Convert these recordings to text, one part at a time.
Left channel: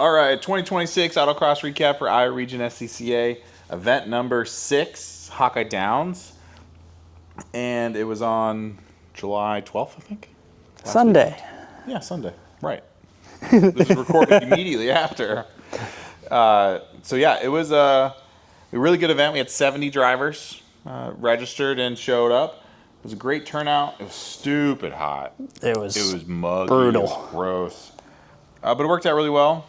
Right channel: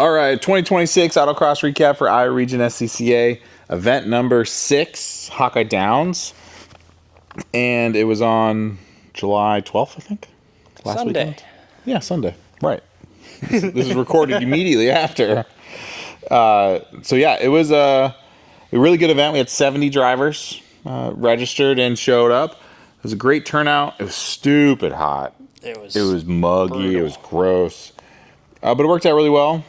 All right, 2026 autocross recap for Iowa Region SCCA. Event number 6, Hawkeye Downs. And it was on July 12th, I think. Sunday. Weekend. Yeah, Sunday. Right. This is recorded immediately after. So yeah, it was a really good event. We had 70 drivers registered and showed up. It was a great turnout. It was stupid hot. It was muggy. brutal. It was gross. But it worked out really well.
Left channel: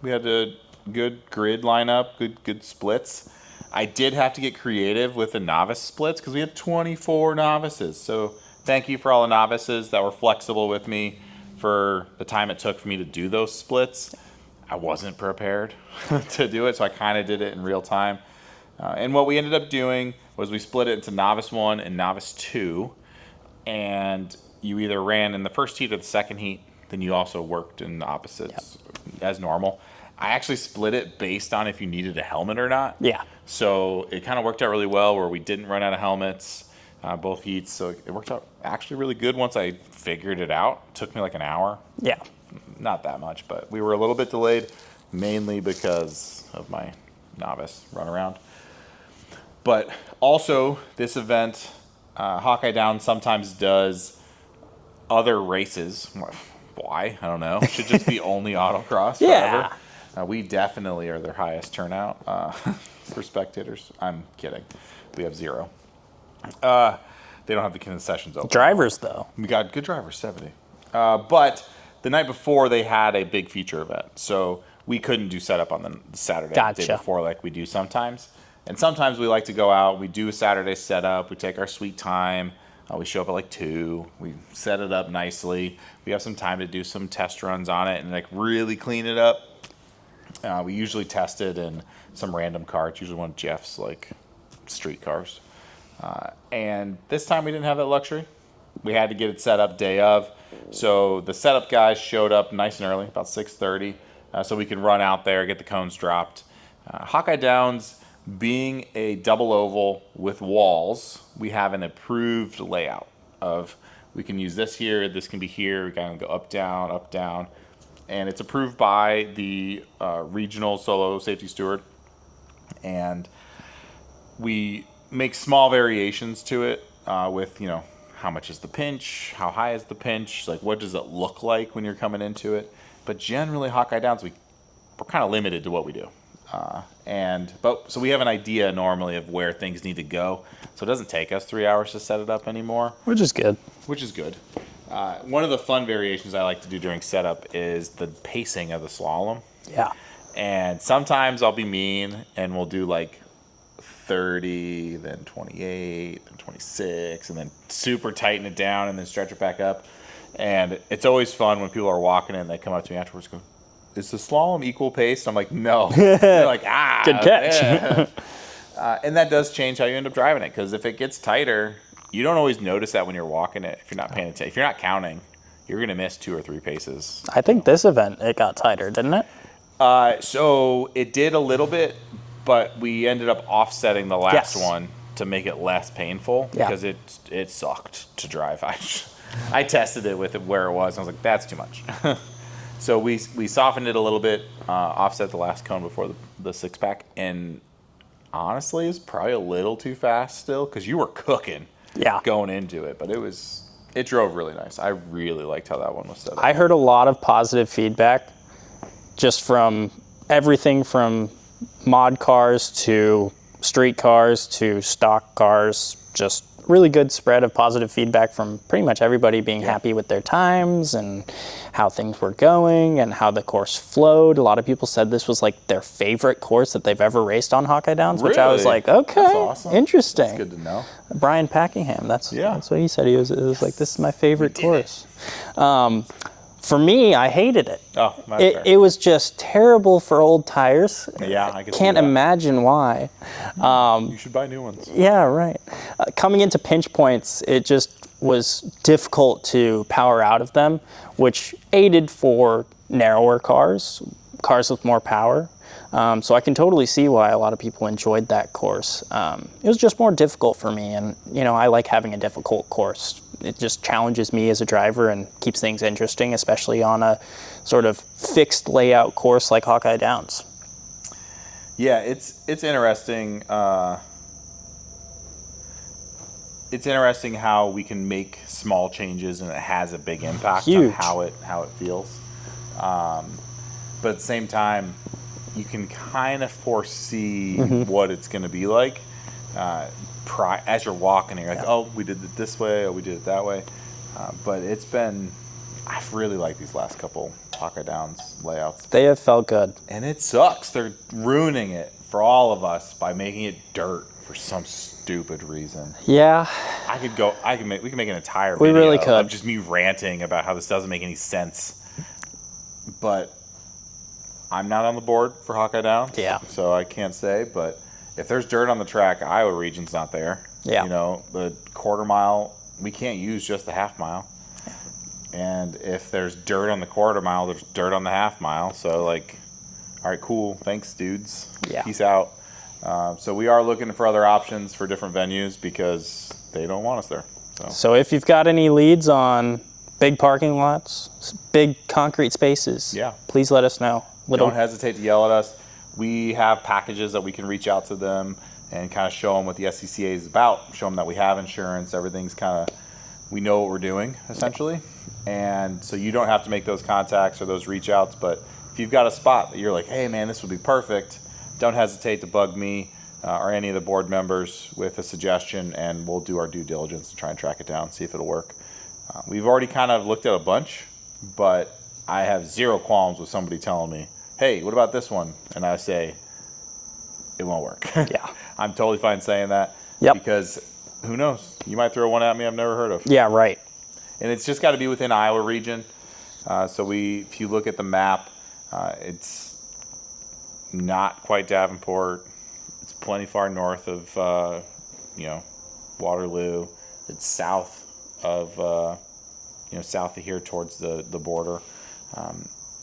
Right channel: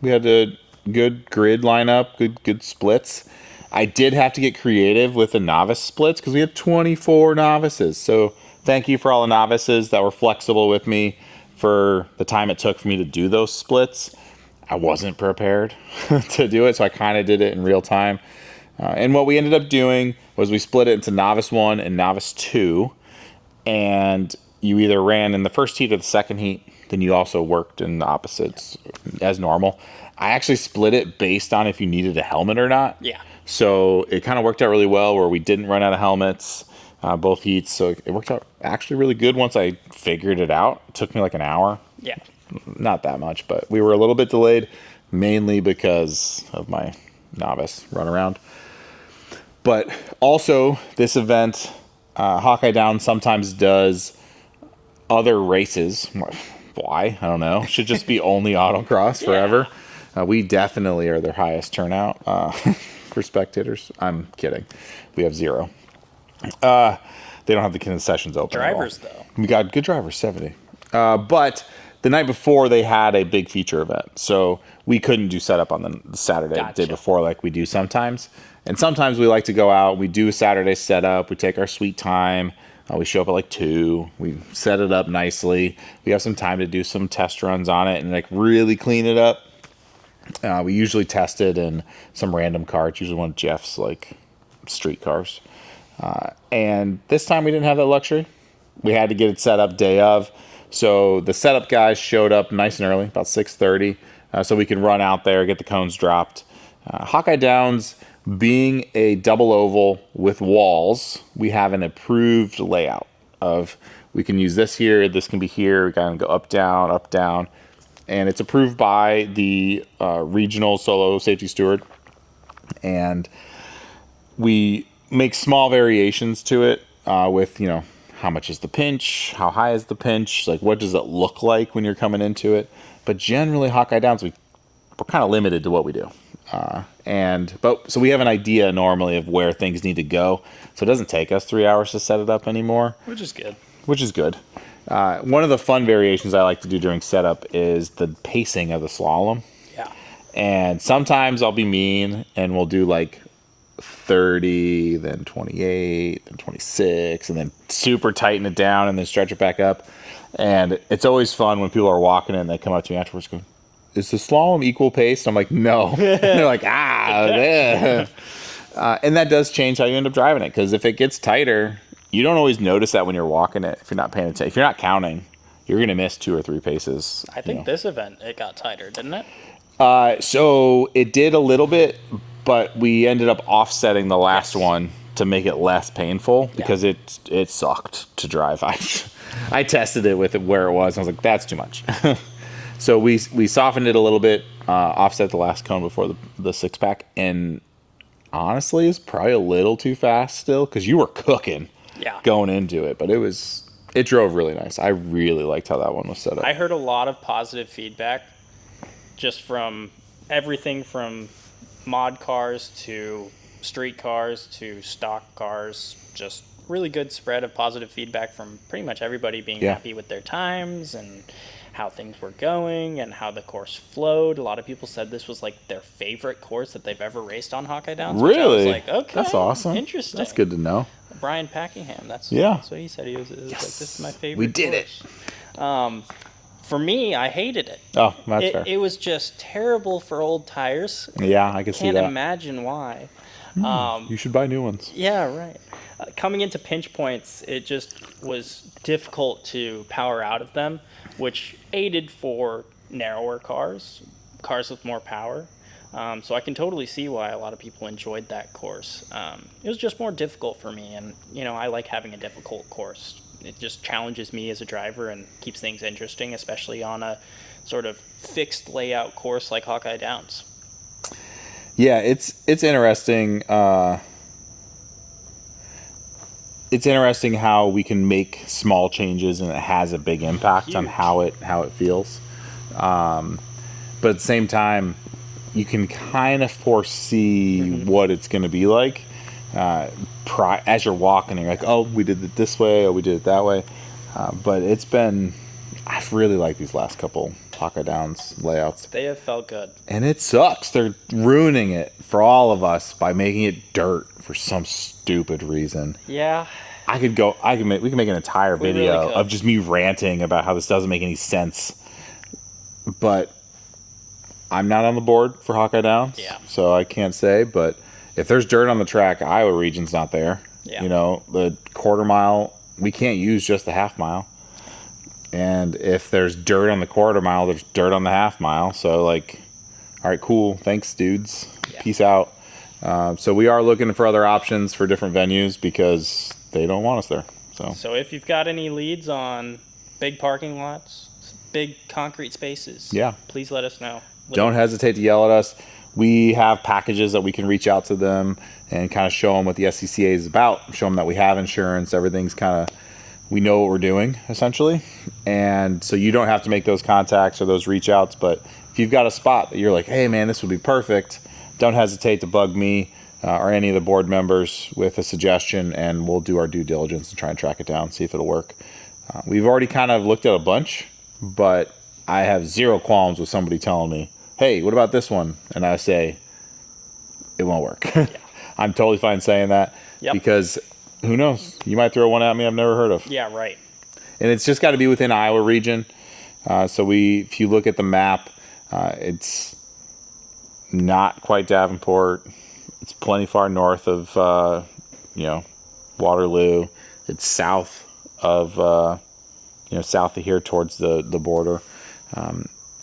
We had a good grid lineup, good splits. I did have to get creative with the novice splits because we had 24 novices. So thank you for all the novices that were flexible with me for the time it took for me to do those splits. I wasn't prepared to do it, so I kind of did it in real time. And what we ended up doing was we split it into Novice 1 and Novice 2. And you either ran in the first heat or the second heat. Then you also worked in the opposites as normal. I actually split it based on if you needed a helmet or not. Yeah. So it kind of worked out really well where we didn't run out of helmets both heats. So it worked out actually really good once I figured it out. It took me like an hour. Yeah. Not that much, but we were a little bit delayed, mainly because of my novice run around. But also, this event, Hawkeye Downs sometimes does other races. Why? I don't know. Should just be only autocross forever. We definitely are their highest turnout for spectators. I'm kidding. We have 0. They don't have the concessions open. Drivers, though. We got good drivers, 70. But the night before, they had a big feature event. So we couldn't do setup on the Saturday, the day before, like we do sometimes. And sometimes we like to go out. We do a Saturday setup. We take our sweet time. We show up at like 2. We set it up nicely. We have some time to do some test runs on it and like really clean it up. We usually test it in some random car. It's usually one of Jeff's like street cars. And this time we didn't have that luxury. We had to get it set up day of. So the setup guys showed up nice and early, about 6:30, so we could run out there, get the cones dropped. Hawkeye Downs, being a double oval with walls, we have an approved layout of we can use this here, this can be here, we can go up, down. And it's approved by the regional solo safety steward. And we make small variations to it with, how much is the pinch? How high is the pinch? Like, what does it look like when you're coming into it? But generally, Hawkeye Downs, we're kind of limited to what we do. So we have an idea normally of where things need to go. So it doesn't take us 3 hours to set it up anymore. Which is good. One of the fun variations I like to do during setup is the pacing of the slalom. Yeah. And sometimes I'll be mean and we'll do like 30, then 28, then 26, and then super tighten it down and then stretch it back up. And it's always fun when people are walking in and they come up to me afterwards going, is the slalom equal pace? And I'm like, no. They're like, good catch. And that does change how you end up driving it, because if it gets tighter, you don't always notice that when you're walking it. If you're not paying attention, if you're not counting, you're going to miss 2 or 3 paces. I think this event, it got tighter, didn't it? So it did a little bit, but we ended up offsetting the last one to make it less painful because it sucked to drive. I tested it with it where it was, and I was like, that's too much. So we softened it a little bit, offset the last cone before the 6-pack, and honestly, it's probably a little too fast still because you were cooking going into it, but it drove really nice. I really liked how that one was set up. I heard a lot of positive feedback just from everything from mod cars to street cars to stock cars, just really good spread of positive feedback from pretty much everybody being happy with their times and how things were going and how the course flowed. A lot of people said this was like their favorite course that they've ever raced on Hawkeye Downs, which I was like, okay, that's awesome. Interesting. That's good to know. Brian Packingham, that's what he said. It was like, this is my favorite course. For me, I hated it. Oh, that's fair. It was just terrible for old tires. Yeah, I can see that. Can't imagine why. You should buy new ones. Yeah, right. Coming into pinch points, it just was difficult to power out of them, which aided for narrower cars with more power. So I can totally see why a lot of people enjoyed that course. It was just more difficult for me, and I like having a difficult course. It just challenges me as a driver and keeps things interesting, especially on a sort of fixed layout course like Hawkeye Downs. Yeah, it's interesting. It's interesting how we can make small changes and it has a big impact on how it feels. But at the same time, you can kind of foresee what it's going to be like as you're walking. You're like, oh, we did it this way, oh, we did it that way. But I've really liked these last couple Hawkeye Downs layouts. They have felt good. And it sucks. They're ruining it for all of us by making it dirt for some stupid reason. Yeah. We can make an entire video of just me ranting about how this doesn't make any sense. But I'm not on the board for Hawkeye Downs. Yeah. So I can't say, but if there's dirt on the track, Iowa Region's not there. Yeah. You know, the quarter mile, we can't use just the half mile. And if there's dirt on the quarter mile, there's dirt on the half mile. So, like, all right, cool. Thanks, dudes. Yeah. Peace out. So we are looking for other options for different venues because they don't want us there. So if you've got any leads on big parking lots, big concrete spaces, please let us know. Don't hesitate to yell at us. We have packages that we can reach out to them and kind of show them what the SCCA is about, show them that we have insurance, everything's kind of, we know what we're doing, essentially. And so you don't have to make those contacts or those reach outs, but if you've got a spot that you're like, hey man, this would be perfect, don't hesitate to bug me or any of the board members with a suggestion, and we'll do our due diligence and try and track it down, see if it'll work. We've already kind of looked at a bunch, but I have zero qualms with somebody telling me, hey, what about this one? And I say, it won't work. Yeah. I'm totally fine saying that because who knows? You might throw one at me I've never heard of. Yeah, right. And it's just got to be within Iowa Region. If you look at the map, it's not quite Davenport. It's plenty far north of, Waterloo. It's south of, south of here towards the border.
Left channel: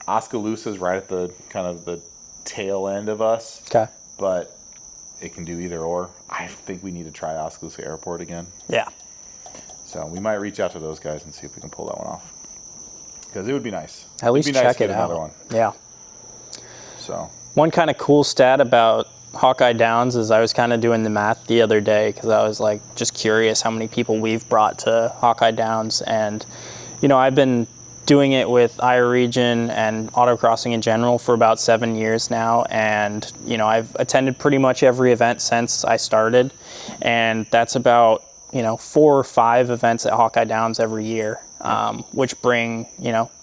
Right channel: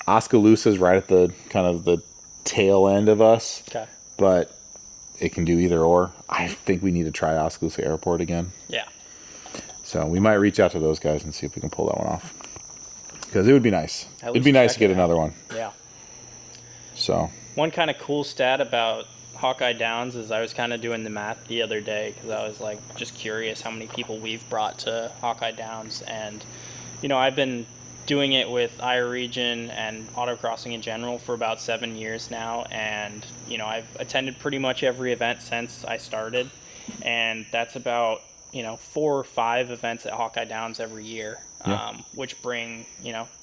Oskaloosa is right at the kind of the tail end of us. Okay. But it can do either or. I think we need to try Oskaloosa Airport again. Yeah. So we might reach out to those guys and see if we can pull that one off. Because it would be nice. At least it'd be nice check to get it another out. one. Yeah. So. One kind of cool stat about Hawkeye Downs is I was kind of doing the math the other day because I was like just curious how many people we've brought to Hawkeye Downs. And, I've been doing it with Iowa Region and autocrossing in general for about 7 years now. And, I've attended pretty much every event since I started. And that's about, 4 or 5 events at Hawkeye Downs every year, which bring,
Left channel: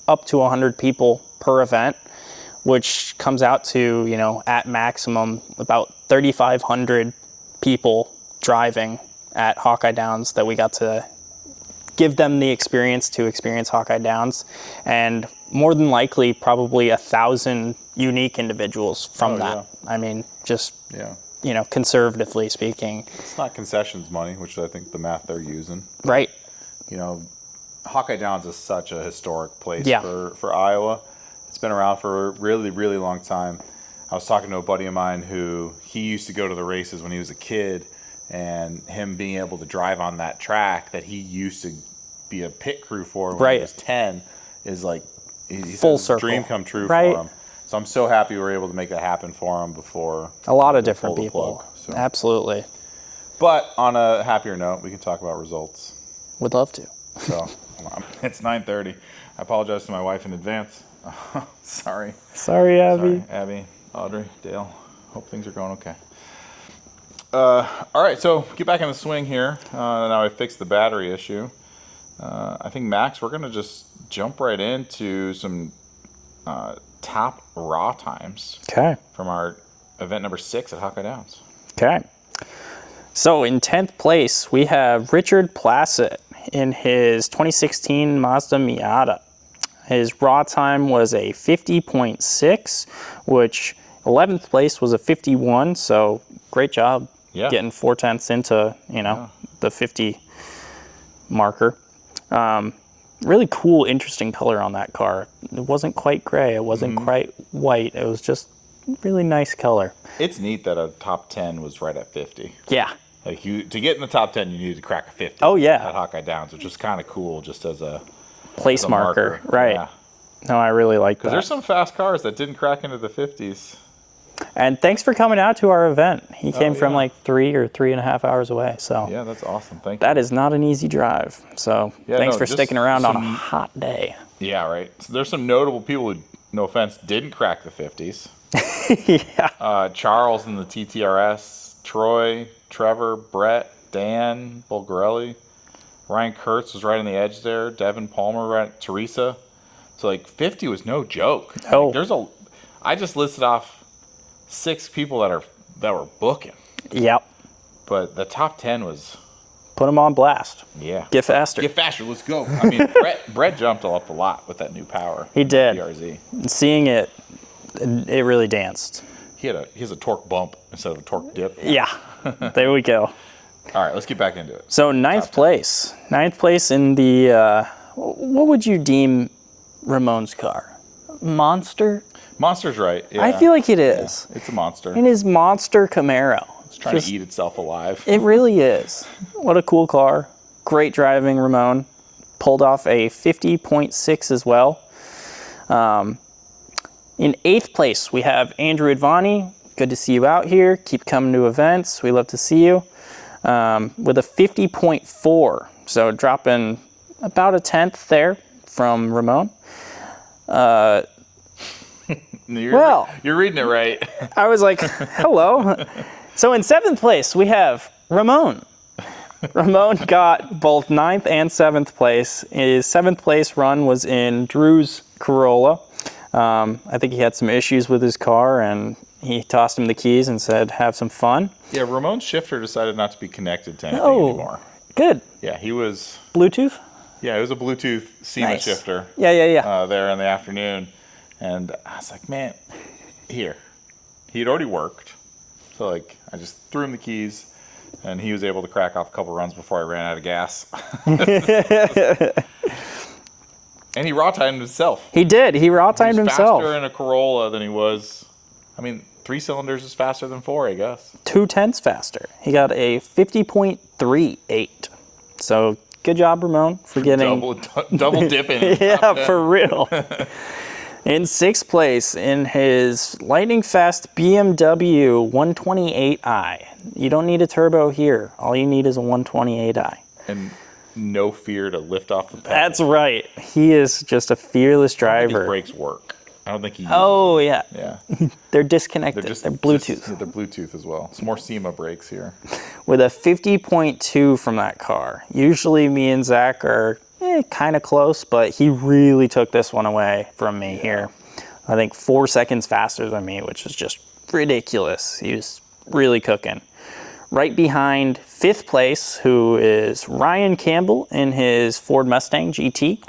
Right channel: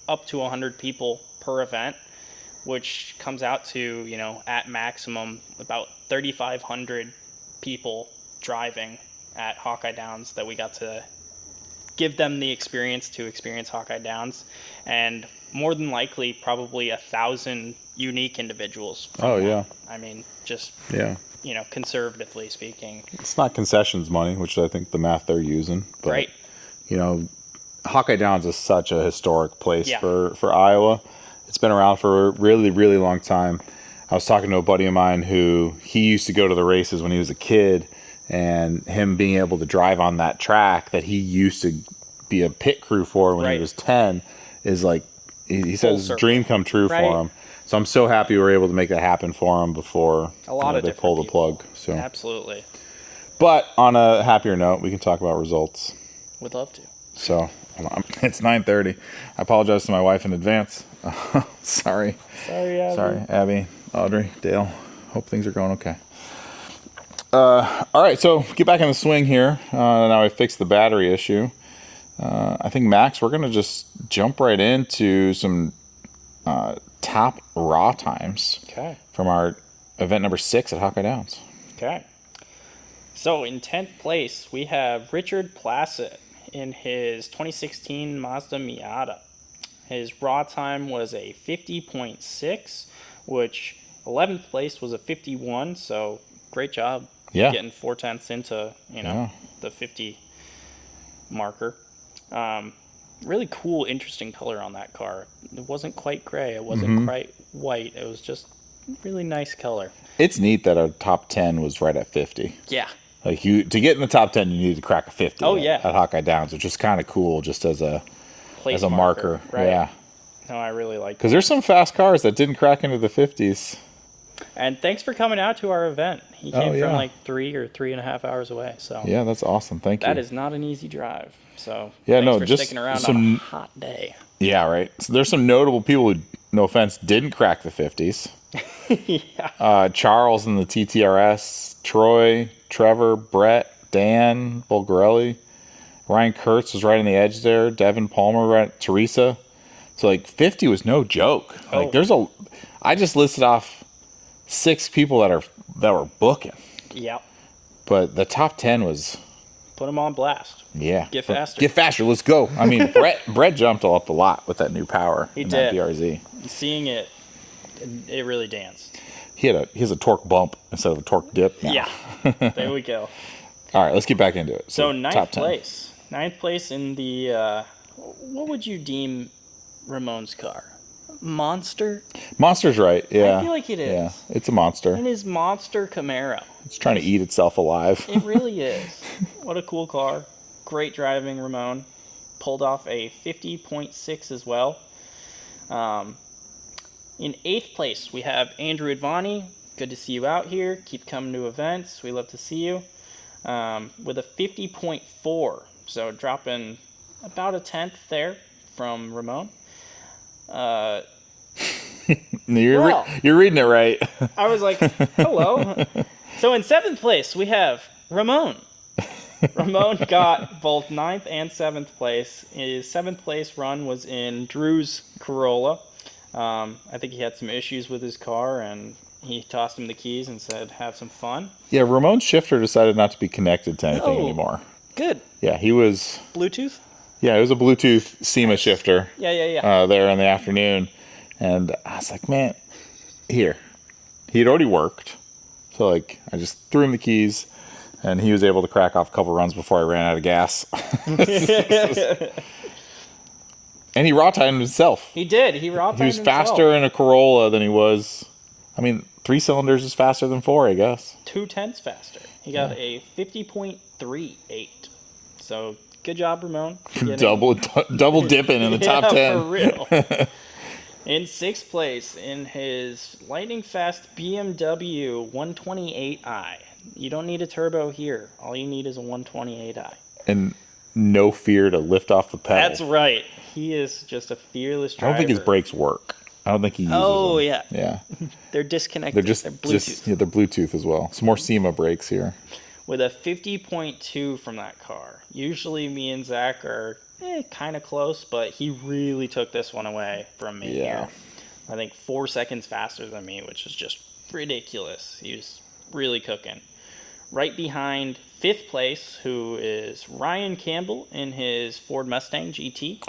up to 100 people per event, which comes out to, at maximum about 3,500 people driving at Hawkeye Downs that we got to give them the experience to experience Hawkeye Downs, and more than likely probably 1,000 unique individuals from that. Yeah. I mean, just, conservatively speaking. It's not concessions money, which I think the math they're using. But, right. Hawkeye Downs is such a historic place for Iowa. It's been around for a really, really long time. I was talking to a buddy of mine who he used to go to the races when he was a kid, and him being able to drive on that track that he used to be a pit crew for when he was 10 is like, he said it's a dream come true for him. So I'm so happy we were able to make that happen for him before a lot of different pull the people. plug. So. Absolutely. But on a happier note, we can talk about results. Would love to. So it's 9:30. I apologize to my wife in advance. Sorry. Sorry, Abby. Sorry, Abby, Audrey, Dale. Hope things are going okay. All right, so get back in the swing here. Now I fixed the battery issue. I think, Max, we're going to just jump right into some top raw times from our event number 6 at Hawkeye Downs. Okay. So in 10th place, we have Richard Plassett in his 2016 Mazda Miata. His raw time was a 50.6, which 11th place was a 51, so great job getting 4/10 into, the 50 marker. Really cool, interesting color on that car. It wasn't quite gray. It wasn't quite white. It was just really nice color. It's neat that our top 10 was right at 50. Yeah. Like to get in the top 10, you needed to crack a 50. Oh, yeah. At Hawkeye Downs, which is kind of cool, just as a place marker. Right. Yeah. No, I really like that. Because there's some fast cars that didn't crack into the 50s. And thanks for coming out to our event. He came from yeah. like 3 or 3.5 hours away. So Yeah, that's awesome. Thank you. that is not an easy drive. So Yeah, thanks no, for just sticking around on a some- hot day. Yeah, right. So there's some notable people who, no offense, didn't crack the 50s. Yeah. Charles in the TTRS, Troy, Trevor, Brett, Dan, Bulgarelli, Ryan Kurtz was right on the edge there, Devin Palmer, right, Teresa. So like 50 was no joke. Oh. Like I just listed off 6 people that were booking, Yep. but the top 10 was. Put them on blast. Yeah. Get faster. Get faster. Let's go. I mean, Brett jumped up a lot with that new power. He in that did. BRZ. Seeing it, it really danced. He has a torque bump instead of a torque dip. Yeah. There we go. All right, let's get back into it. So ninth top 10. place. Ninth place in the, what would you deem Ramon's car? Monster? Monster's right. Yeah. I feel like it is. Yeah, it's a monster. In his monster Camaro. It's trying to eat itself alive. It really is. What a cool car. Great driving, Ramon. Pulled off a 50.6 as well. In 8th place, we have Andrew Advani. Good to see you out here. Keep coming to events. We love to see you. With a 50.4. So dropping about a 10th there from Ramon. You're reading it right. I was like, hello. So in 7th place, we have Ramon. Ramon got both 9th and 7th place. His 7th place run was in Drew's Corolla. I think he had some issues with his car, and he tossed him the keys and said, have some fun. Yeah, Ramon's shifter decided not to be connected to anything anymore. Good. Yeah, he was. Bluetooth? Yeah, it was a Bluetooth SEMA Nice. shifter. Yeah. There in the afternoon, and I was like, man, here. He had already worked, so like I just threw him the keys, and he was able to crack off a couple runs before I ran out of gas. And he raw timed himself. He did. He raw timed He was himself. faster in a Corolla than he was. I mean, 3 cylinders is faster than 4, I guess. 2/10 faster. He got a 50.38. So good job, Ramon, for getting double dipping in the top 10. Yeah, for real. In 6th place in his lightning fast BMW 128i. You don't need a turbo here. All you need is a 128i. And no fear to lift off the pedal. That's right. He is just a fearless driver. I don't think his brakes work. I don't think he uses Oh, them. yeah. Yeah. They're disconnected. They're Bluetooth. they're Bluetooth as well. Some more SEMA brakes here. With a 50.2 from that car. Usually me and Zach are kind of close, but he really took this one away from me here. I think 4 seconds faster than me, which is just ridiculous. He was really cooking. Right behind 5th place, who is Ryan Campbell in his Ford Mustang GT.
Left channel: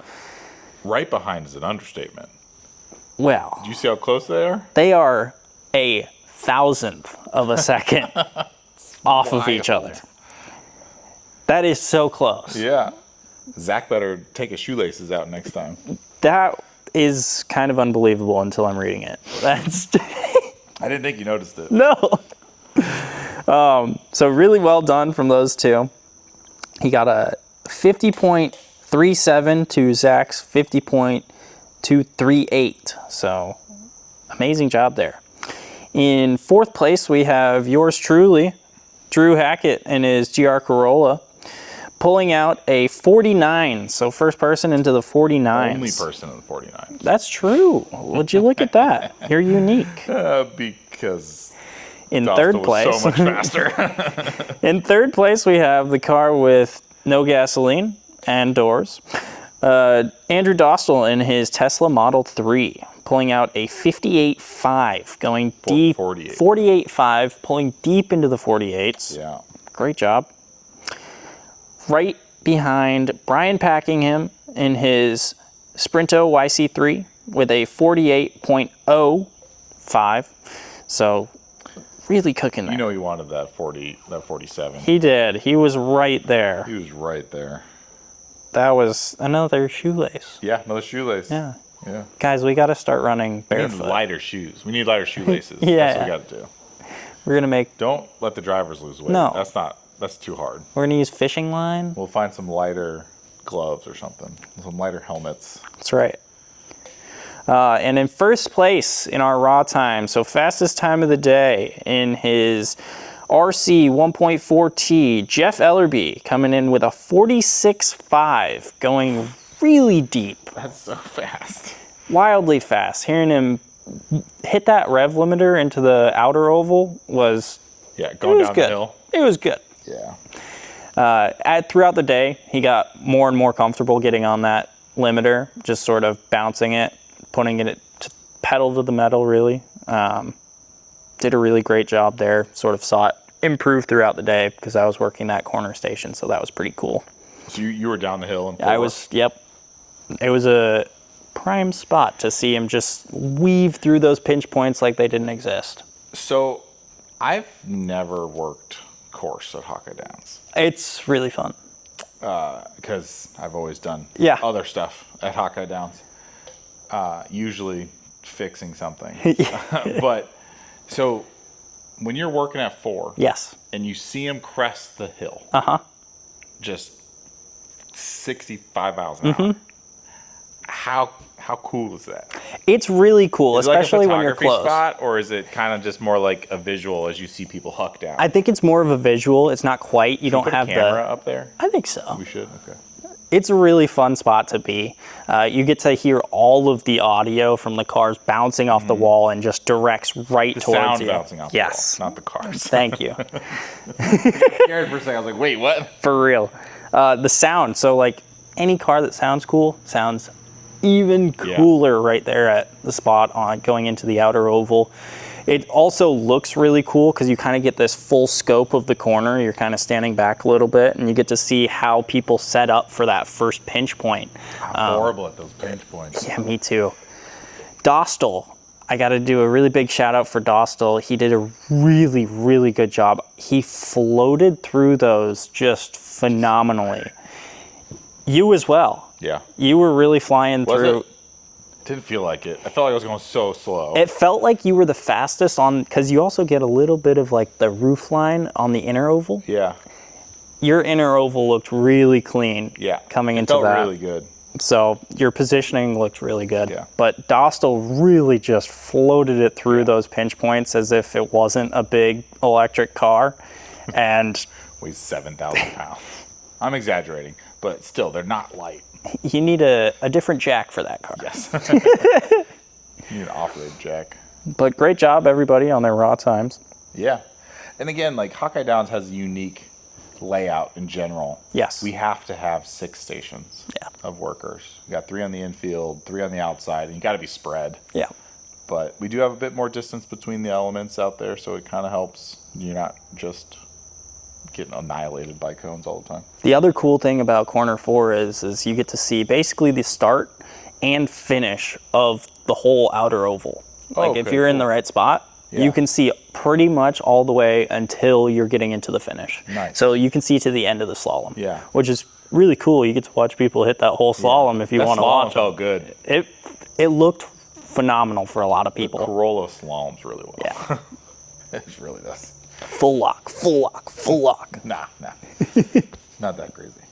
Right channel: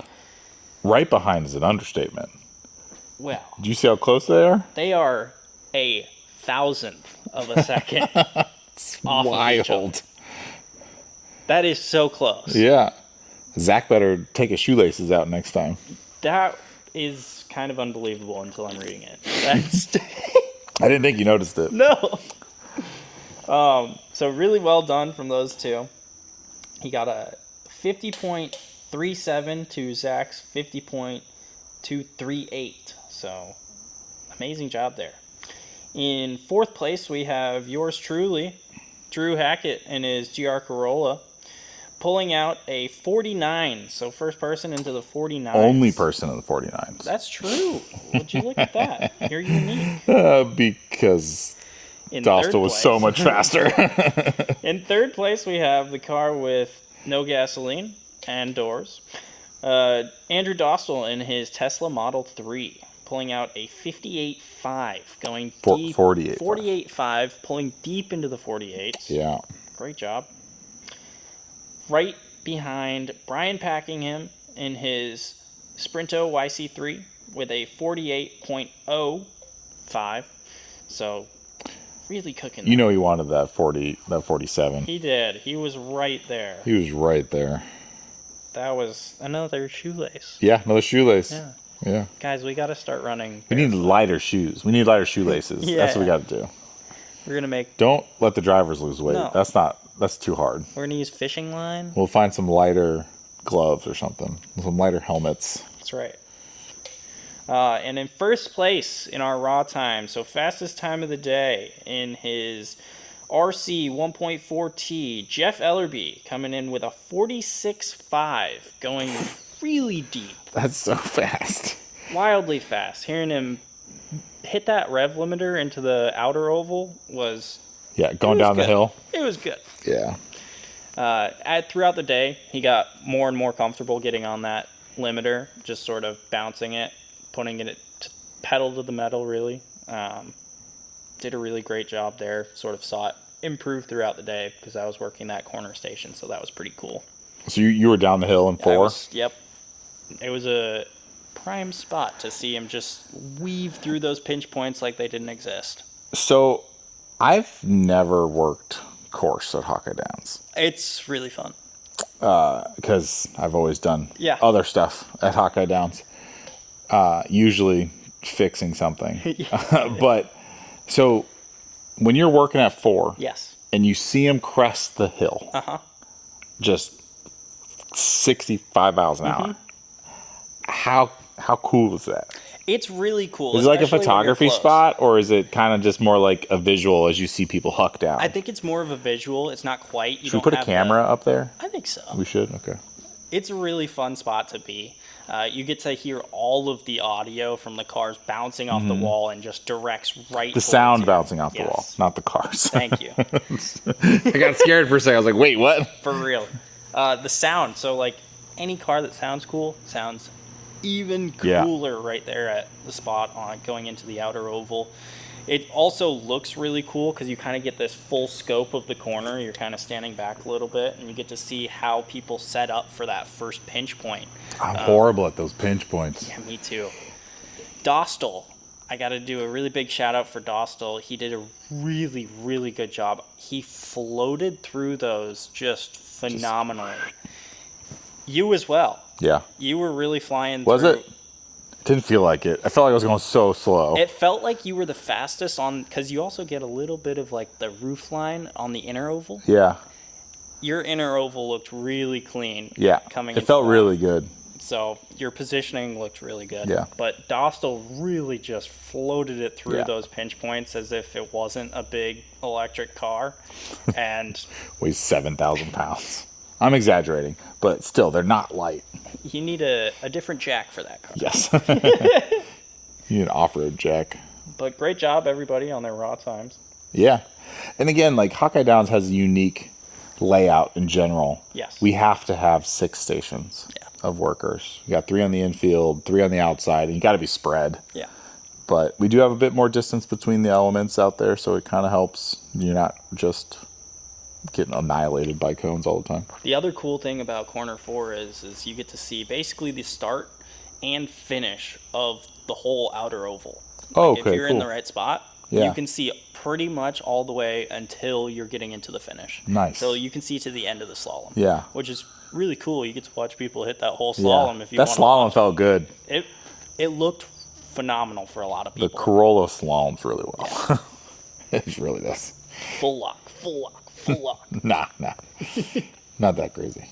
Right behind is an understatement. Well, Do you see how close they are? they are a 1,000th of a second off of each other. Wild. That is so close. Yeah. Zach better take his shoelaces out next time. That is kind of unbelievable until I'm reading it. That's I didn't think you noticed it. no. So really well done from those two. He got a 50.37 to Zach's 50.238. So amazing job there. In 4th place, we have yours truly, Drew Hackett in his GR Corolla, pulling out a 49. So first person into the 49. Only person in the 49s. That's true. Would you look at that? You're unique. Because In Dostal 3rd was place, so much faster. in 3rd place, we have the car with no gasoline and doors. Andrew Dostal in his Tesla Model 3, pulling out a 58.5, going deep. 48.5, pulling deep into the 48s. Yeah. Great job. Right behind Brian Packingham in his Sprinto YC3 with a 48.05. So really cooking there. You know he wanted that 47. He did. He was right there. He was right there. That was another shoelace. Yeah, another shoelace. Yeah. Yeah. Guys, we got to start running We need barefoot. lighter shoes. We need lighter shoelaces. That's Yeah. what we got to do. We're going to make, Don't let the drivers lose weight. No. That's too hard. we're going to use fishing line. We'll find some lighter gloves or something. Some lighter helmets. That's right. And in first place in our raw time, so fastest time of the day in his RC 1.4T, Jeff Ellerby coming in with a 46.5, going really deep. That's so fast. Wildly fast. Hearing him hit that rev limiter into the outer oval was... Yeah, going down the hill. It was good. Yeah. Throughout the day, he got more and more comfortable getting on that limiter, just sort of bouncing it, putting it to pedal to the metal, really. Did a really great job there. Sort of saw it improve throughout the day because I was working that corner station, so that was pretty cool. So you were down the hill in 4? Yep. It was a prime spot to see him just weave through those pinch points like they didn't exist. So I've never worked course at Hawkeye Downs. It's really fun. Because I've always done other stuff at Hawkeye Downs. Usually fixing something. But so when you're working at 4, yes, and you see him crest the hill, just 65 miles an hour, how cool is that? It's really cool. Is it like a photography spot, or is it kind of just more like a visual as you see people huck down? I think it's more of a visual. It's not quite. You don't put have a camera up there? I think so. We should? Okay. It's a really fun spot to be. You get to hear all of the audio from the cars bouncing off the wall and just directs right towards you. The sound bouncing off the wall, not the cars. Thank you. I got scared for a second. I was like, wait, what? For real. The sound. So, like, any car that sounds cool sounds even cooler right there at the spot on going into the outer oval. It also looks really cool because you kind of get this full scope of the corner. You're kind of standing back a little bit, and you get to see how people set up for that first pinch point. I'm horrible at those pinch points. Yeah, me too. Dostal. I got to do a really big shout out for Dostal. He did a really, really good job. He floated through those just phenomenally. You as well. Yeah. You were really flying through. It? Didn't feel like it. I felt like I was going so slow. It felt like you were the fastest on, because you also get a little bit of like the roof line on the inner oval. Yeah. Your inner oval looked really clean. Yeah. Coming into that. It felt really good. So your positioning looked really good. Yeah. But Dostal really just floated it through those pinch points as if it wasn't a big electric car. And weighs 7,000 pounds. I'm exaggerating, but still, they're not light. You need a different jack for that car. Yes. You need an off-road jack. But great job, everybody, on their raw times. Yeah. And again, like Hawkeye Downs has a unique layout in general. Yes. We have to have 6 stations of workers. You got 3 on the infield, 3 on the outside, and you got to be spread. Yeah. But we do have a bit more distance between the elements out there, so it kind of helps. You're not just getting annihilated by cones all the time. The other cool thing about Corner 4 is you get to see basically the start and finish of the whole outer oval. Like if you're in the right spot, you can see pretty much all the way until you're getting into the finish. Nice. So you can see to the end of the slalom. Yeah. Which is really cool. You get to watch people hit that whole slalom if you want to watch. That slalom felt good. It looked phenomenal for a lot of people. The Corolla slaloms really well. Yeah. It really does. Full lock, full lock, full lock. Nah. Not that crazy.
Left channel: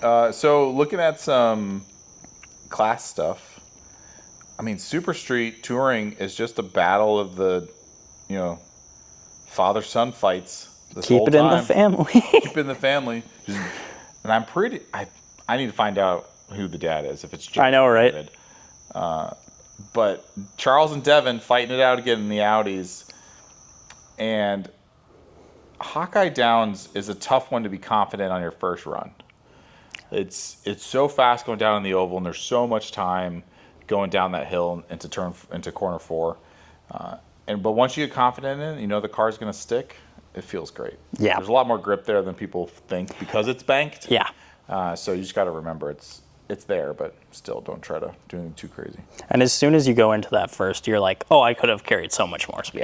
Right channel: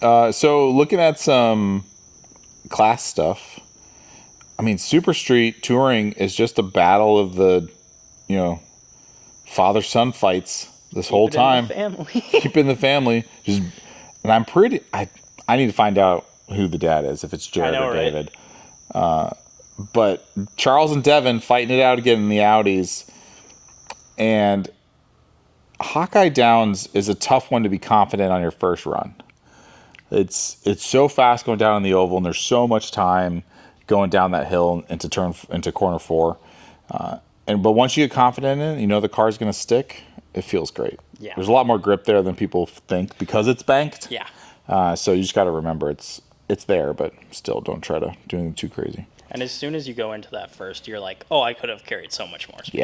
So looking at some class stuff, I mean, Super Street Touring is just a battle of the, father-son fights this whole time. Keep it in the family. Keep it in the family. And I need to find out who the dad is, if it's Jared or David. But Charles and Devin fighting it out again in the Audis. And Hawkeye Downs is a tough one to be confident on your first run. It's so fast going down in the oval, and there's so much time going down that hill into corner 4. But once you get confident in it, the car's going to stick. It feels great. Yeah. There's a lot more grip there than people think because it's banked. Yeah. So you just got to remember it's there, but still don't try to do anything too crazy. And as soon as you go into that first, you're like, oh, I could have carried so much more speed.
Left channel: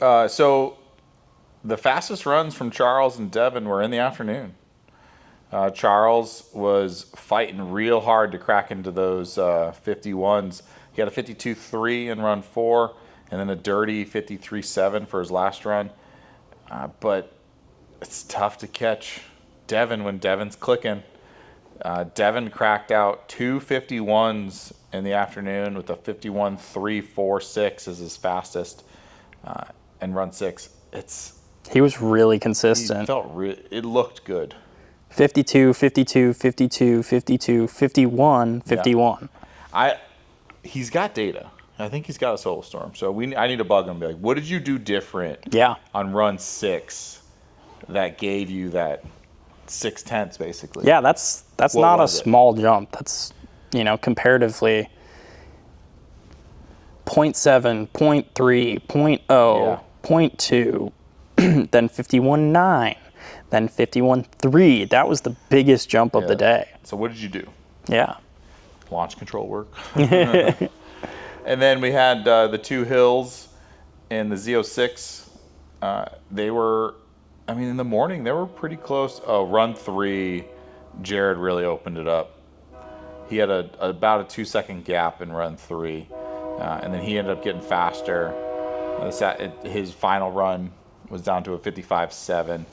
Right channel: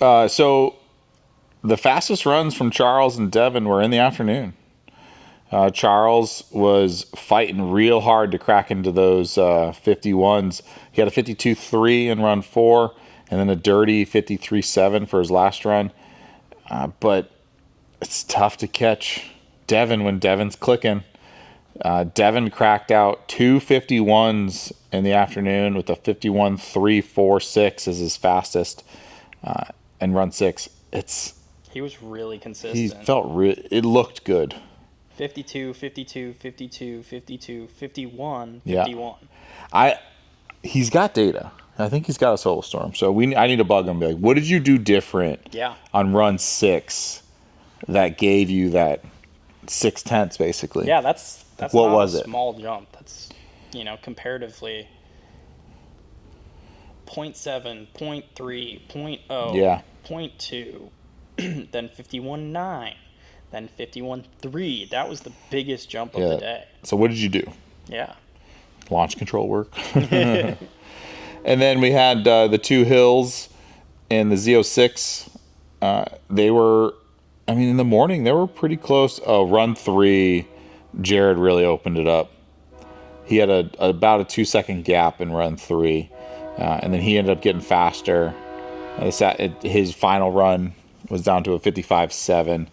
Yeah. So the fastest runs from Charles and Devin were in the afternoon. Charles was fighting real hard to crack into those 51s. He had a 52.3 in run 4, and then a dirty 53.7 for his last run. But it's tough to catch Devin when Devin's clicking. Devin cracked out 2:51s in the afternoon with a 51.346 as his fastest, and run 6. He was really He consistent. it looked good. 52, 52, 52, 52, 51, 51. He's got data. I think he's got a solo storm. So I need to bug him and be like, what did you do different on run 6 that gave you that 6/10 basically? Yeah, that's not a small jump. That's, comparatively 0.7, 0.3, 0.0, 0.2, then 51.9, then 51.3. That was the biggest jump of the day. So what did you do? Yeah. Launch control work. And then we had the 2 hills and the Z06. They were, in the morning, they were pretty close. Run 3, Jared really opened it up. He had about a 2-second gap in run 3. And then he ended up getting faster. His final run was down to a 55.7.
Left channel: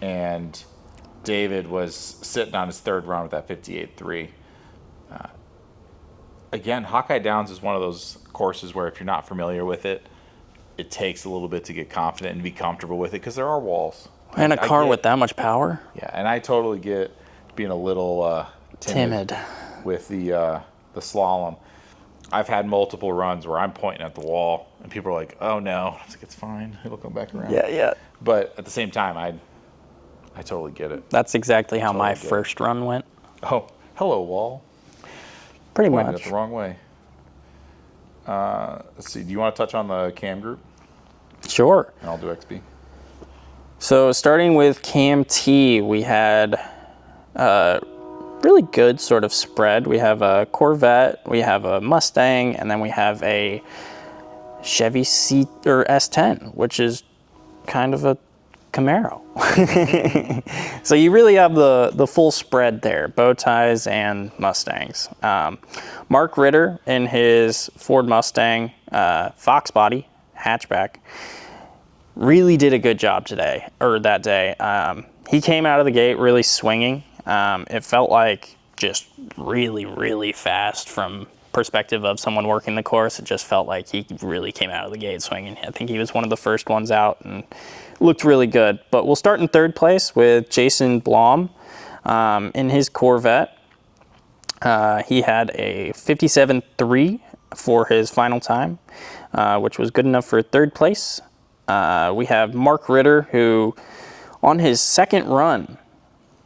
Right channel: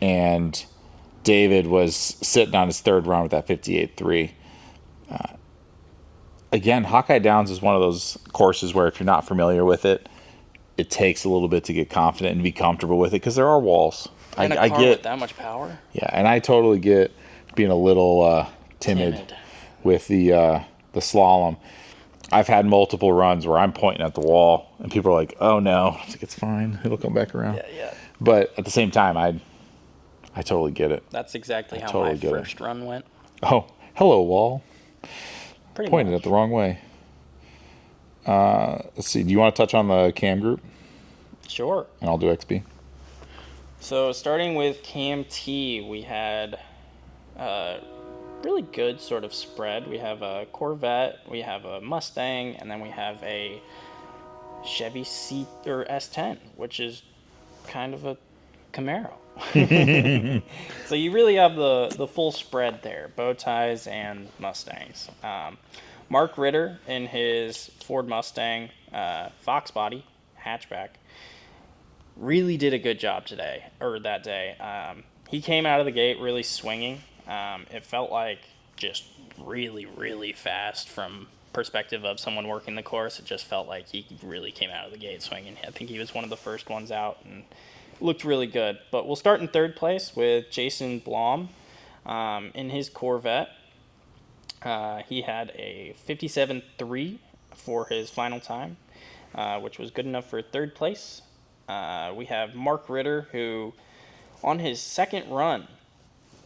And David was sitting on his 3rd run with that 58.3. Again, Hawkeye Downs is one of those courses where if you're not familiar with it, it takes a little bit to get confident and be comfortable with it because there are walls. And a car with that much power? Yeah, and I totally get being a little timid with the slalom. I've had multiple runs where I'm pointing at the wall and people are like, "Oh no," it's fine, it'll come back around. Yeah. But at the same time, I totally get it. That's exactly how my first run went. Oh, hello wall. Pretty pointed much. it the wrong way. Let's see. Do you want to touch on the cam group? Sure. And I'll do XP. So starting with Cam T, we had a really good sort of spread. We have a Corvette, we have a Mustang, and then we have a Chevy S10, which is kind of a Camaro. So you really have the full spread there, bow ties and Mustangs. Mark Ritter in his Ford Mustang Fox body hatchback really did a good job that day. He came out of the gate really swinging. It felt like just really, really fast from perspective of someone working the course. It just felt like he really came out of the gate swinging. I think he was one of the first ones out and looked really good. But we'll start in 3rd place with Jason Blom in his Corvette. He had a 57.3 for his final time, which was good enough for 3rd place. We have Mark Ritter, who on his 2nd run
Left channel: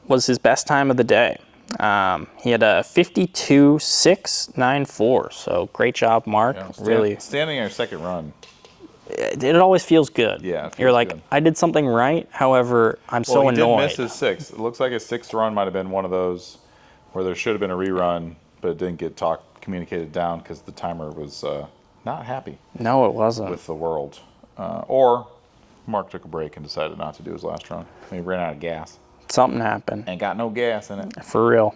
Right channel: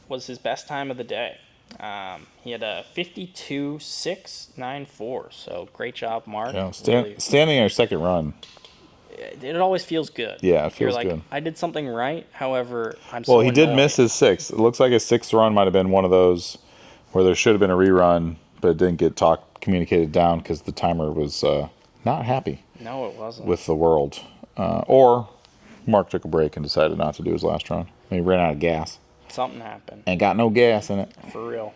was his best time of the day. He had a 52.694, so great job, Mark. Yeah, really standing on your 2nd run. It always feels good. Yeah, it feels You're like, good. I did something right, however, I'm so annoyed. Well, he did miss his 6th. It looks like his 6th run might have been one of those where there should have been a rerun, but it didn't get communicated down because the timer was not happy. No, it wasn't. With the world. Or Mark took a break and decided not to do his last run. He ran out of gas. Something happened. Ain't got no gas in it. For real.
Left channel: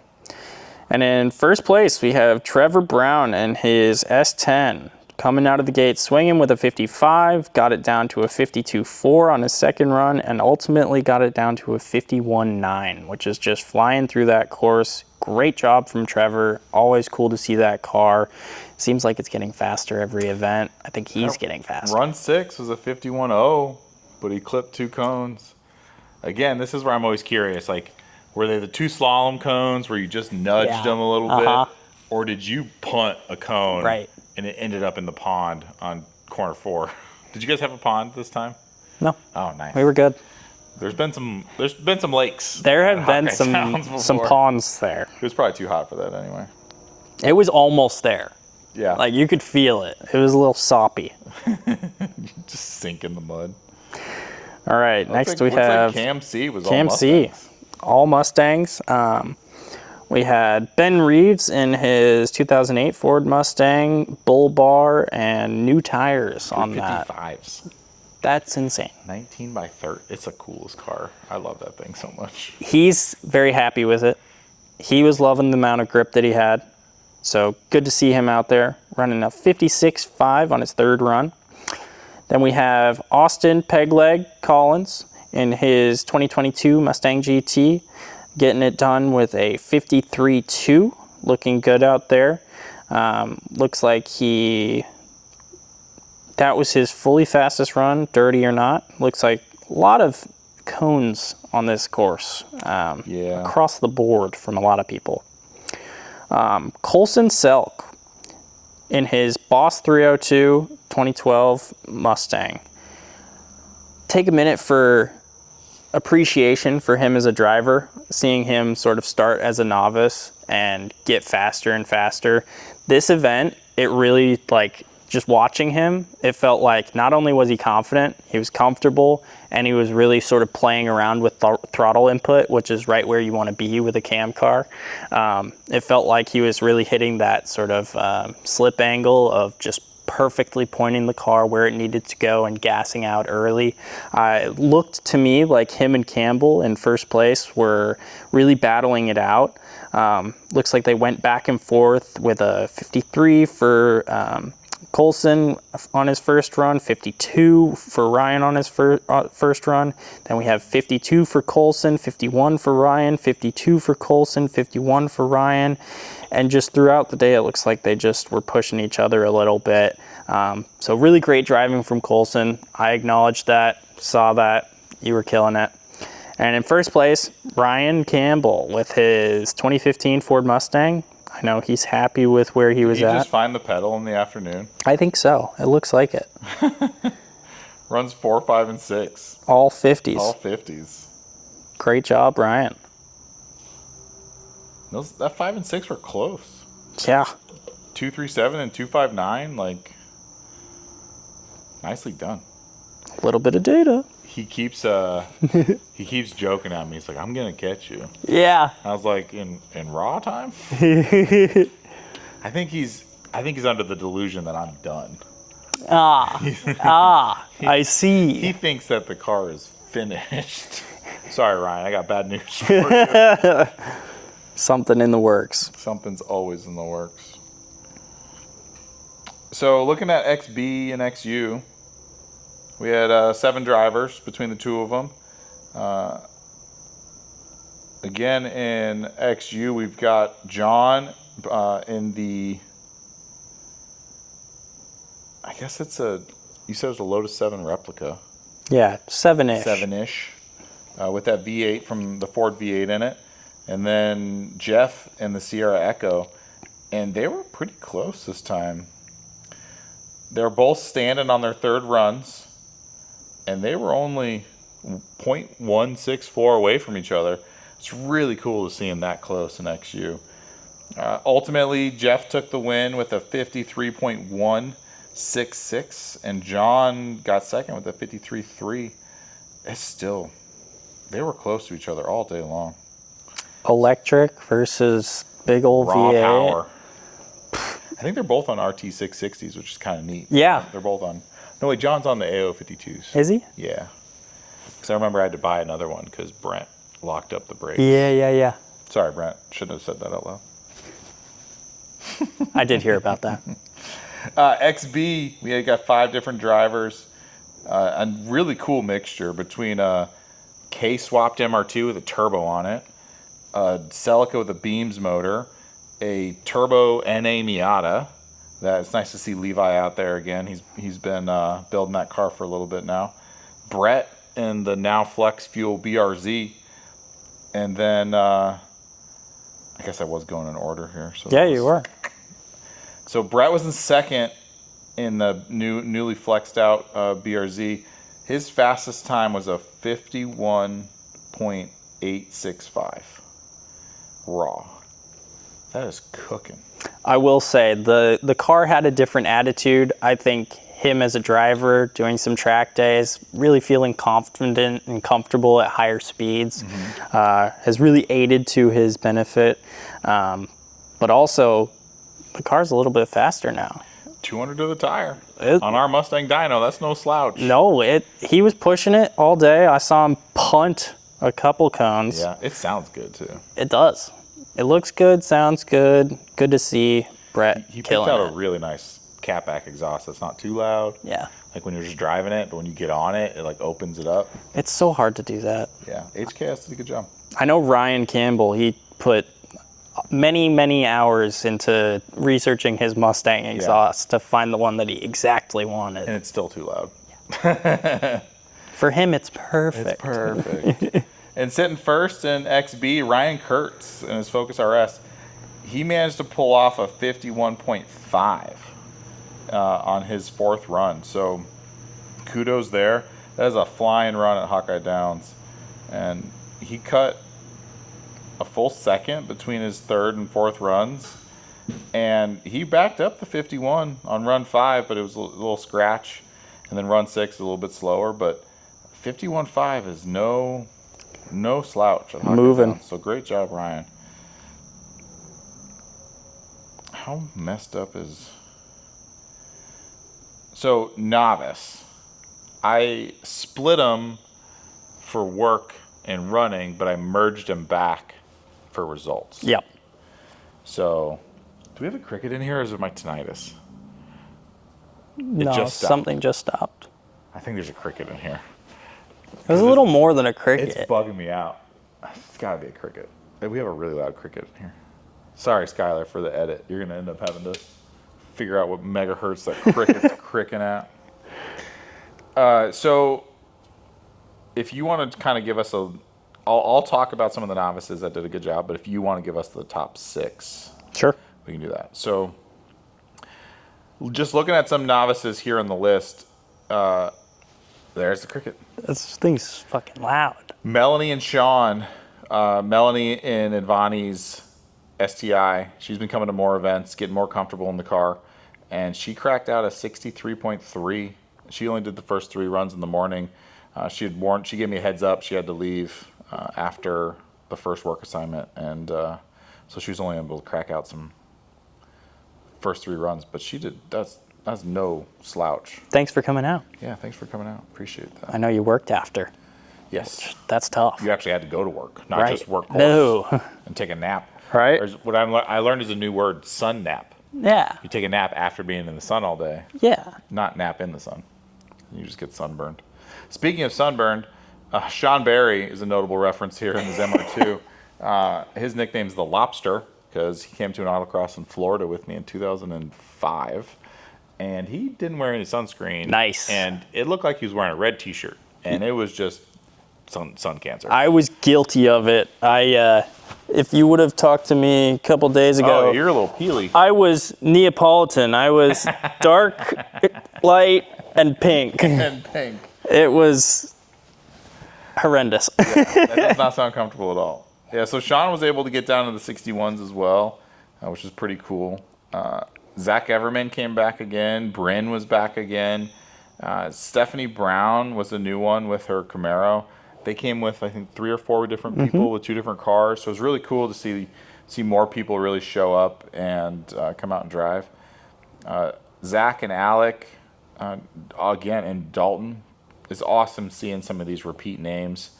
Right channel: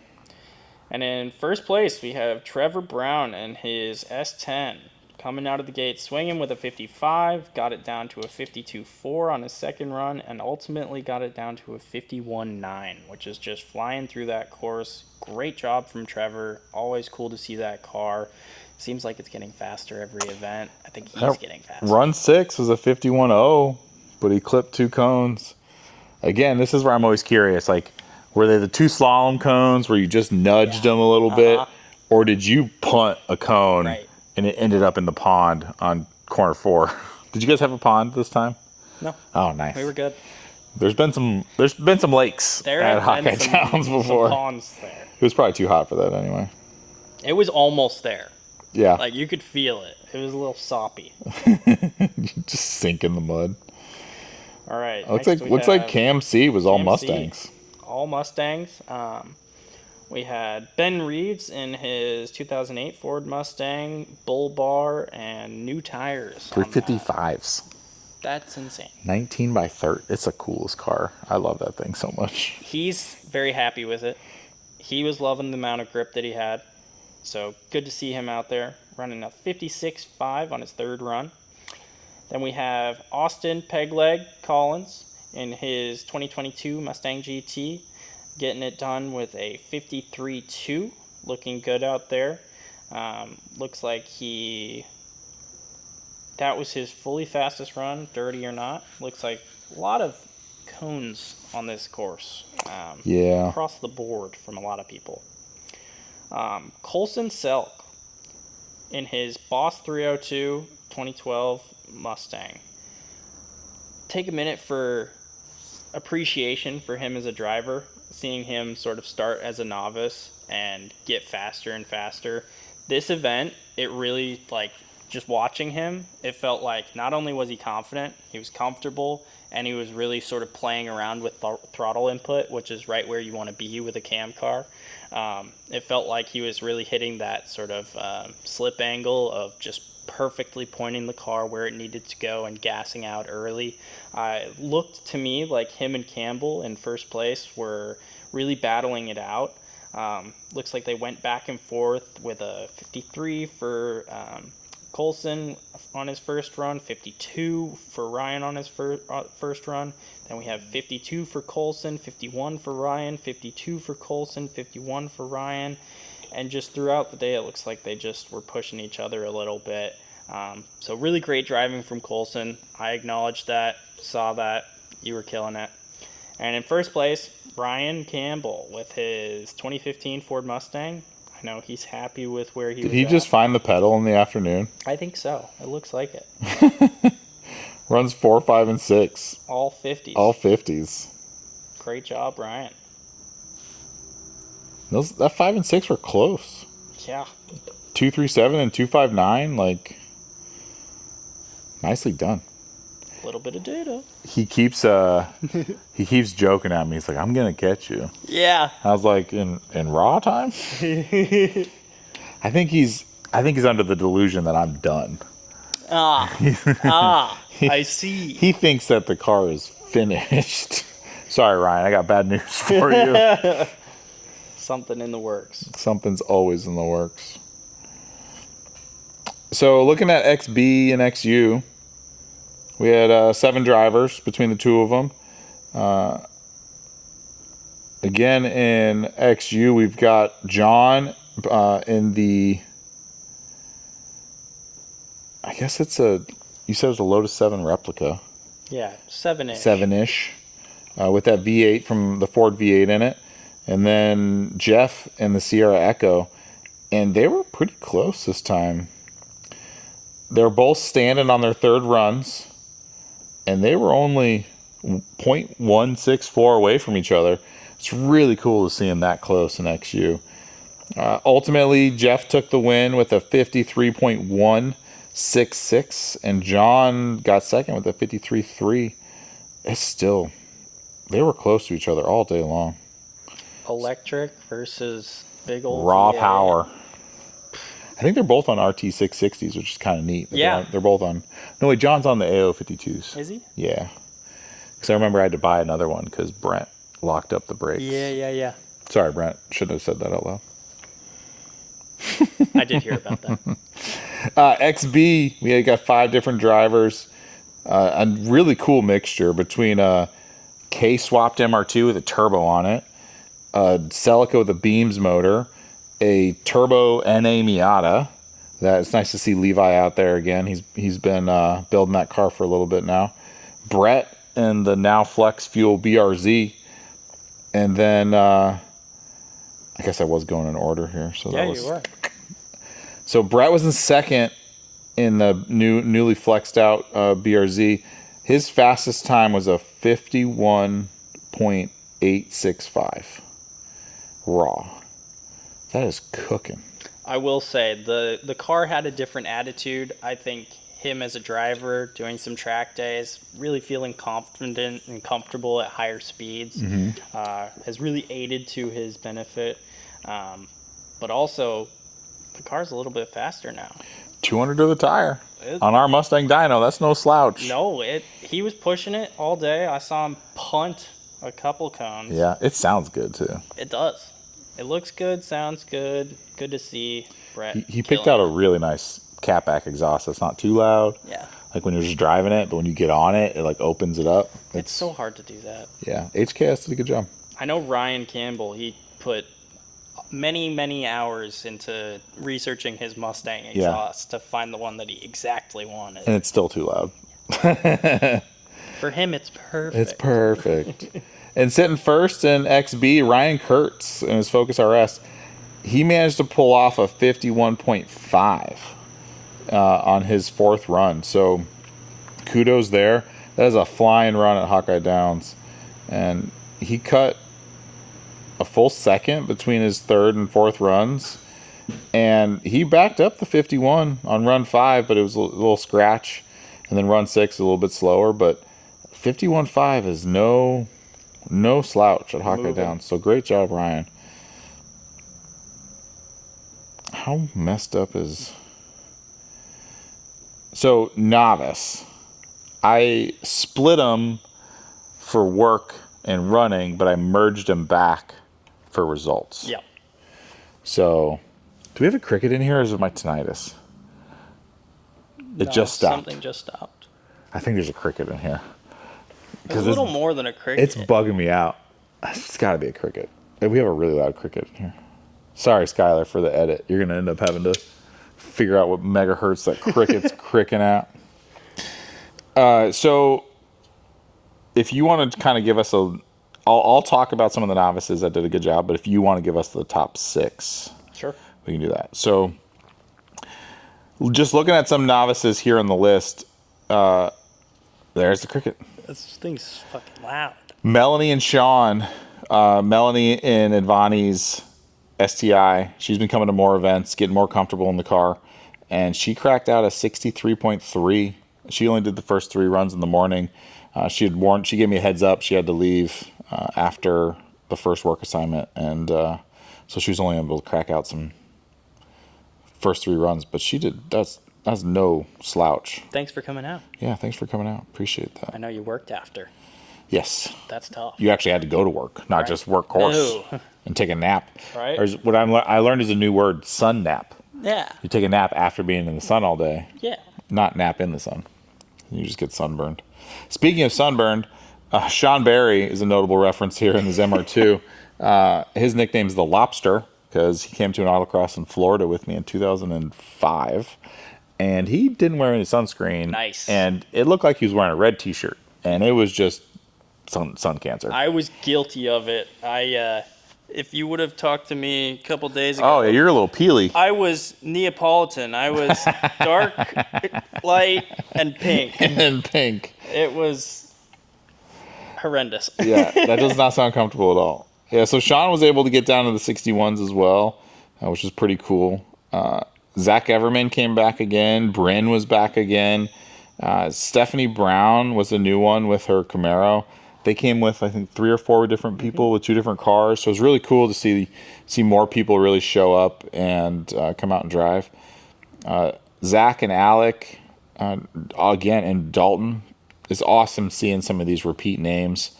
And in 1st place, we have Trevor Brown and his S10 coming out of the gate swinging with a 55, got it down to a 52.4 on his 2nd run, and ultimately got it down to a 51.9, which is just flying through that course. Great job from Trevor. Always cool to see that car. Seems like it's getting faster every event. I think he's getting faster. Run 6 was a 51.0, but he clipped 2 cones. Again, this is where I'm always curious. Like, were they the 2 slalom cones where you just nudged them a little bit? Or did you punt a cone and it ended up in the pond on corner 4? Did you guys have a pond this time? No. Oh, nice. We were good. There's been some lakes. There have been some ponds there. It was probably too hot for that anyway. It was almost there. Yeah. Like, you could feel it. It was a little soppy. You just sink in the mud. All right, next we have... Looks like Cam C was all Mustangs. All Mustangs. We had Ben Reeves in his 2008 Ford Mustang, bull bar, and new tires on that. 55s. That's insane. 19 by 30. It's the coolest car. I love that thing so much. He's very happy with it. He was loving the amount of grip that he had. So good to see him out there running a 56.5 on his 3rd run. Then we have Austin Pegleg Collins in his 2022 Mustang GT. getting it done with a 53.2, looking good out there. Looks like that was his fully fastest run, dirty or not. Looks like a lot of cones on this course. Across the board from a lot of people. Colson Selk in his Boss 302 2012 Mustang. Take a minute for appreciation for him as a driver, seeing him sort of start as a novice and get faster and faster. This event, it really, like, just watching him, it felt like not only was he confident, he was comfortable, and he was really sort of playing around with throttle input, which is right where you want to be with a cam car. It felt like he was really hitting that sort of slip angle of just perfectly pointing the car where it needed to go and gassing out early. It looked to me like him and Campbell in first place were really battling it out. Looks like they went back and forth with a 53 for Colson on his first run, 52 for Ryan on his first run. Then we have 52 for Colson, 51 for Ryan, 52 for Colson, 51 for Ryan. And just throughout the day, it looks like they just were pushing each other a little bit. So really great driving from Colson. I acknowledged that, saw that, you were killing it. And in first place, Ryan Campbell with his 2015 Ford Mustang. I know he's happy with where he was at. Did he just find the pedal in the afternoon? I think so. It looks like it. Runs 4, 5, and 6. All 50s. All 50s. Great job, Ryan. That 5 and 6 were close. Yeah. 237 and 259, like, nicely done. A little bit of data. He keeps joking at me. He's like, "I'm gonna catch you." Yeah. I was like, "In raw time?" I think he's under the delusion that I'm done. I see. He thinks that the car is finished. Sorry, Ryan. I got bad news for you. Something in the works. Something's always in the works. So looking at XB and XU, we had 7 drivers between the two of them. Again, in XU, we've got John in the, I guess you said it was a Lotus 7 replica. Yeah, 7-ish. 7-ish, with that V8 from the Ford V8 in it. And then Jeff in the Sierra Echo. And they were pretty close this time. They're both standing on their third runs. And they were only 0.164 away from each other. It's really cool to see them that close in XU. Ultimately, Jeff took the win with a 53.166, and John got second with a 53.3. It's still, they were close to each other all day long. Electric versus big old raw V8. Power. I think they're both on RT660s, which is kind of neat. Yeah. They're both on. No, wait, John's on the AO52s. Is he? Yeah. Because I remember I had to buy another one because Brent locked up the brakes. Yeah. Sorry, Brent. Shouldn't have said that out loud. I did hear about that. XB, we got 5 different drivers. A really cool mixture between a K-swapped MR2 with a turbo on it, a Celica with a Beams motor, a turbo NA Miata. It's nice to see Levi out there again. He's been building that car for a little bit now. Brett and the now Flex Fuel BRZ. And then I guess I was going in order here. So yeah, you were. So Brett was in second in the newly flexed out BRZ. His fastest time was a 51.865 raw. That is cooking. I will say the car had a different attitude. I think him as a driver doing some track days, really feeling confident and comfortable at higher speeds, has really aided to his benefit. But also, the car's a little bit faster now. 200 to the tire. On our Mustang dyno, that's no slouch. No, he was pushing it all day. I saw him punt a couple cones. Yeah, it sounds good too. It does. It looks good, sounds good. Good to see Brett. He picked out a really nice catback exhaust that's not too loud. Yeah. Like when you're just driving it, but when you get on it, it like opens it up. It's so hard to do that. Yeah, HKS did a good job. I know Ryan Campbell, he put many hours into researching his Mustang exhaust to find the one that he exactly wanted. And it's still too loud. For him, it's perfect. It's perfect. And sitting first in XB, Ryan Kurtz in his Focus RS, he managed to pull off a 51.5 on his 4th run. So kudos there. That is a flying run at Hawkeye Downs. And he cut a full second between his 3rd and 4th runs. And he backed up the 51 on run 5, but it was a little scratch. And then run 6 a little bit slower. But 51.5 is no slouch at Hawkeye Downs. So great job, Ryan. How messed up is... So, novice. I split them for work and running, but I merged them back for results. Yep. So, do we have a cricket in here, or is it my tinnitus? No, just stopped. Something just stopped. I think there's a cricket in here. There's a little more than a cricket. It's bugging me out. It's got to be a cricket. We have a really loud cricket in here. Sorry, Skylar, for the edit. You're going to end up having to figure out what megahertz that cricket's cricking at. So, if you want to kind of give us I'll talk about some of the novices that did a good job, but if you want to give us the top 6, Sure. we can do that. So, just looking at some novices here on the list, there's the cricket. This thing's fucking loud. Melanie and Sean. Melanie in Advani's STI. She's been coming to more events, getting more comfortable in the car, and she cracked out a 63.3. She only did the first 3 runs in the morning. She gave me a heads up. She had to leave after the first work assignment, and so she was only able to crack out some first 3 runs. But she did. That's no slouch. Thanks for coming out. Yeah, thanks for coming out. Appreciate that. I know you worked after. Yes. That's tough. You actually had to go to work, not just work course No. and take a nap. Right. There's what I learned is a new word: sun nap. Yeah. You take a nap after being in the sun all day. Yeah. Not nap in the sun. You just get sunburned. Speaking of sunburned, Sean Barry is a notable reference here in the MR2. His nickname's the Lobster because he came to an autocross in Florida with me in 2005, and he didn't wear any sunscreen. Nice. And it looked like he was wearing a red T-shirt, and it was just sun cancer. I was guilty of it. If you would have talked to me a couple days ago. Oh, you're a little peely. I was Neapolitan. I was dark, light, and pink. And pink. It was horrendous. Yeah, that does not sound comfortable at all. Yeah, so Sean was able to get down to the 61s as well, which was pretty cool. Zach Everman came back again. Bryn was back again. Stephanie Brown was a new one with her Camaro. They came with, I think, 3 or 4 different people with 2 different cars. So it was really cool to see more people really show up and come out and drive. Zach and Alec, again, and Dalton. It's awesome seeing some of these repeat names.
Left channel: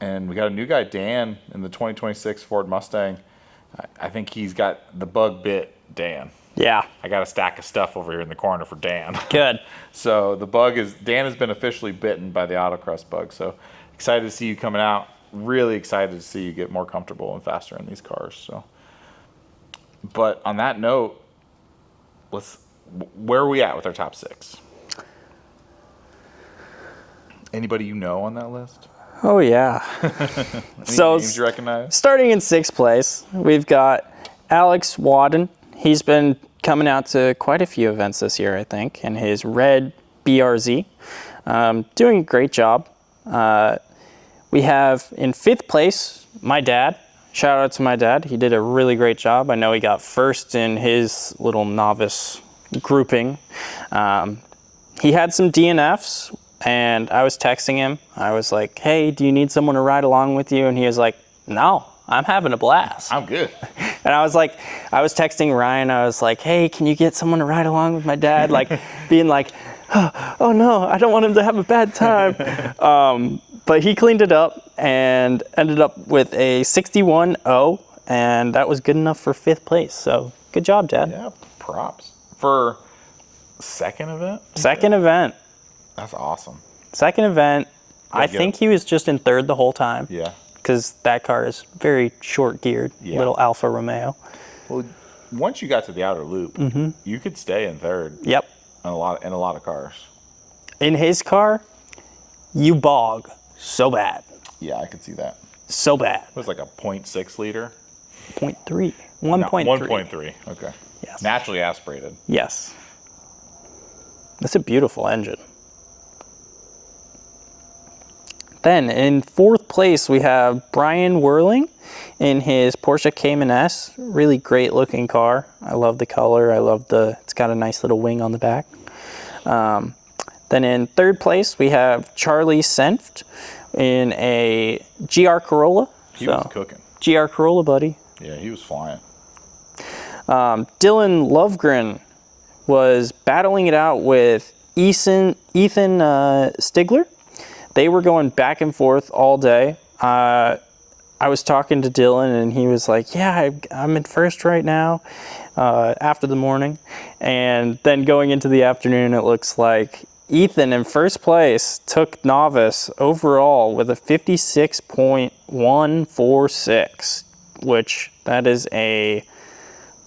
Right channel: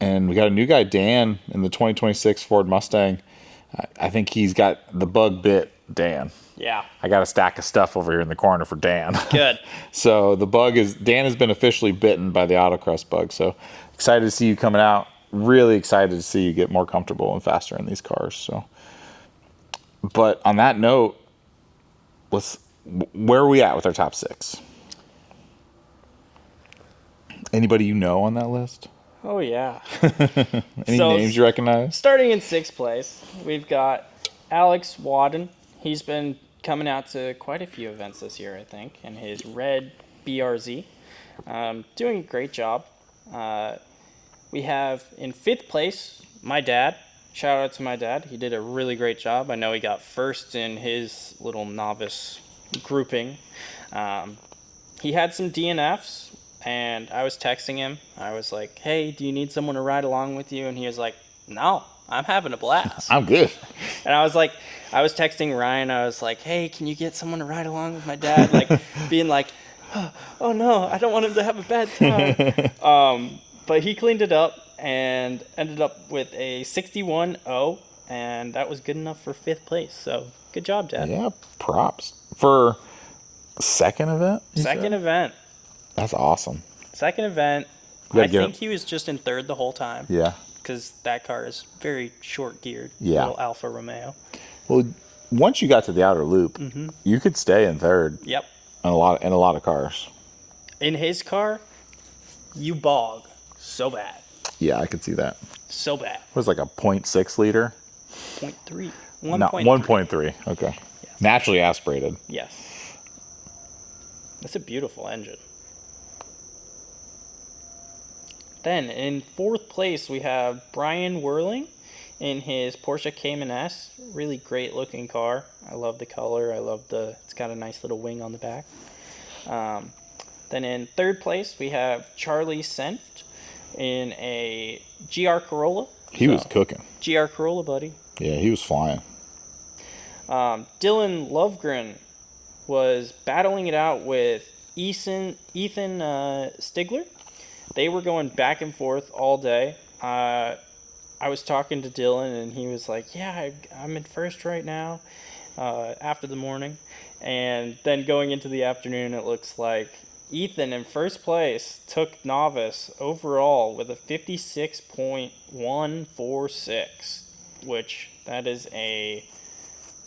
And we got a new guy, Dan, in the 2026 Ford Mustang. I think he's got the bug bit Dan. Yeah. I got a stack of stuff over here in the corner for Dan. Good. So the bug Dan has been officially bitten by the autocross bug. So excited to see you coming out. Really excited to see you get more comfortable and faster in these cars. So, but on that note, where are we at with our top 6? Anybody you know on that list? Oh, yeah. Any names you recognize? Starting in 6th place, we've got Alex Wadden. He's been coming out to quite a few events this year, I think, in his red BRZ. Doing a great job. We have in 5th place, my dad. Shout out to my dad. He did a really great job. I know he got first in his little novice grouping. He had some DNFs, and I was texting him. I was like, hey, do you need someone to ride along with you? And he was like, no, I'm having a blast. I'm good. And I was texting Ryan. I was like, hey, can you get someone to ride along with my dad? Like, being like, oh no, I don't want him to have a bad time. But he cleaned it up and ended up with a 61.0, and that was good enough for 5th place. So good job, Dad. Yeah, props. For second event? Second event. That's awesome. Second event. I Yeah, think he was just in 3rd the whole time. Yeah. because that car is very short geared, little Alfa Romeo. Well, once you got to the outer loop, you could stay in third. Yep. In a lot of cars. In his car, you bog so bad. Yeah, I could see that. So bad. It was like a 0.6 liter? 0.3. 1.3. No, 1.3. Okay. Yes. Naturally aspirated. Yes. That's a beautiful engine. Then in fourth place, we have Brian Whirling in his Porsche Cayman S. Really great looking car. I love the color. I love it's got a nice little wing on the back. Then in third place, we have Charlie Senft in a GR Corolla. He was cooking. GR Corolla, buddy. Yeah, he was flying. Dylan Lovegren was battling it out with Ethan Stigler. They were going back and forth all day. I was talking to Dylan, and he was like, yeah, I'm in first right now after the morning. And then going into the afternoon, it looks like Ethan in first place took novice overall with a 56.146, which that is a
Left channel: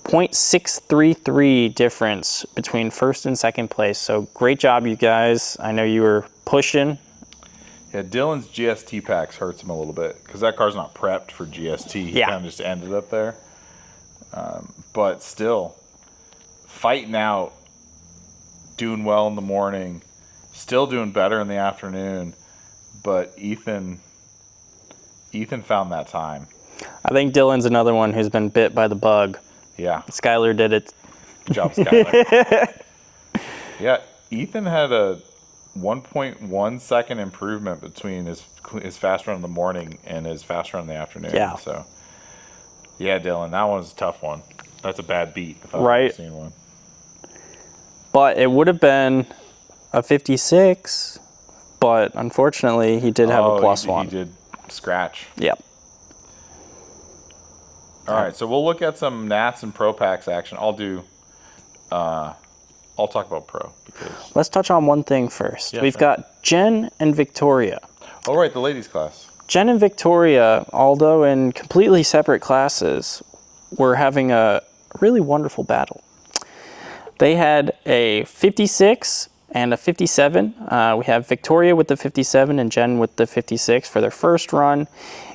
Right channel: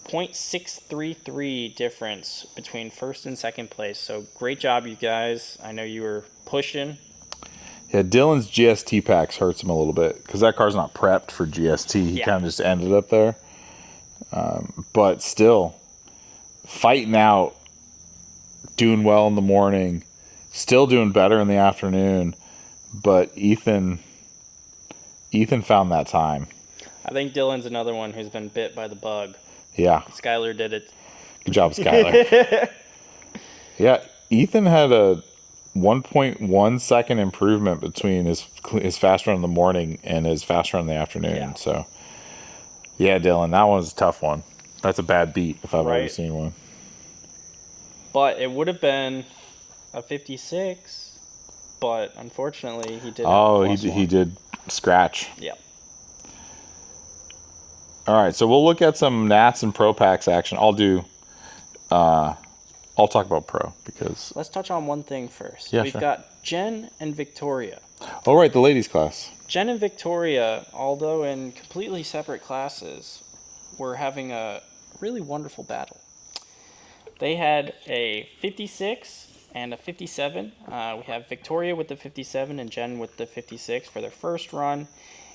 0.633 difference between first and second place. So great job, you guys. I know you were pushing. Yeah, Dylan's GST packs hurts him a little bit because that car's not prepped for GST. He kind of just ended up there. But still, fighting out, doing well in the morning, still doing better in the afternoon. But Ethan found that time. I think Dylan's another one who's been bit by the bug. Yeah. Skyler did it. Good job, Skyler. Yeah, Ethan had a 1.1 second improvement between his fast run in the morning and his fast run in the afternoon. Yeah. So, yeah, Dylan, that was a tough one. That's a bad beat if I've ever seen one. But it would have been a 56, but unfortunately he did have a plus one. He did scratch. Yep. All right, so we'll look at some Nats and Pro Packs action. I'll talk about Pro because... Let's touch on one thing first. Yeah, We've got Jen and Victoria. Oh, right, the ladies class. Jen and Victoria, although in completely separate classes, were having a really wonderful battle. They had a 56 and a 57. We have Victoria with the 57 and Jen with the 56 for their first run.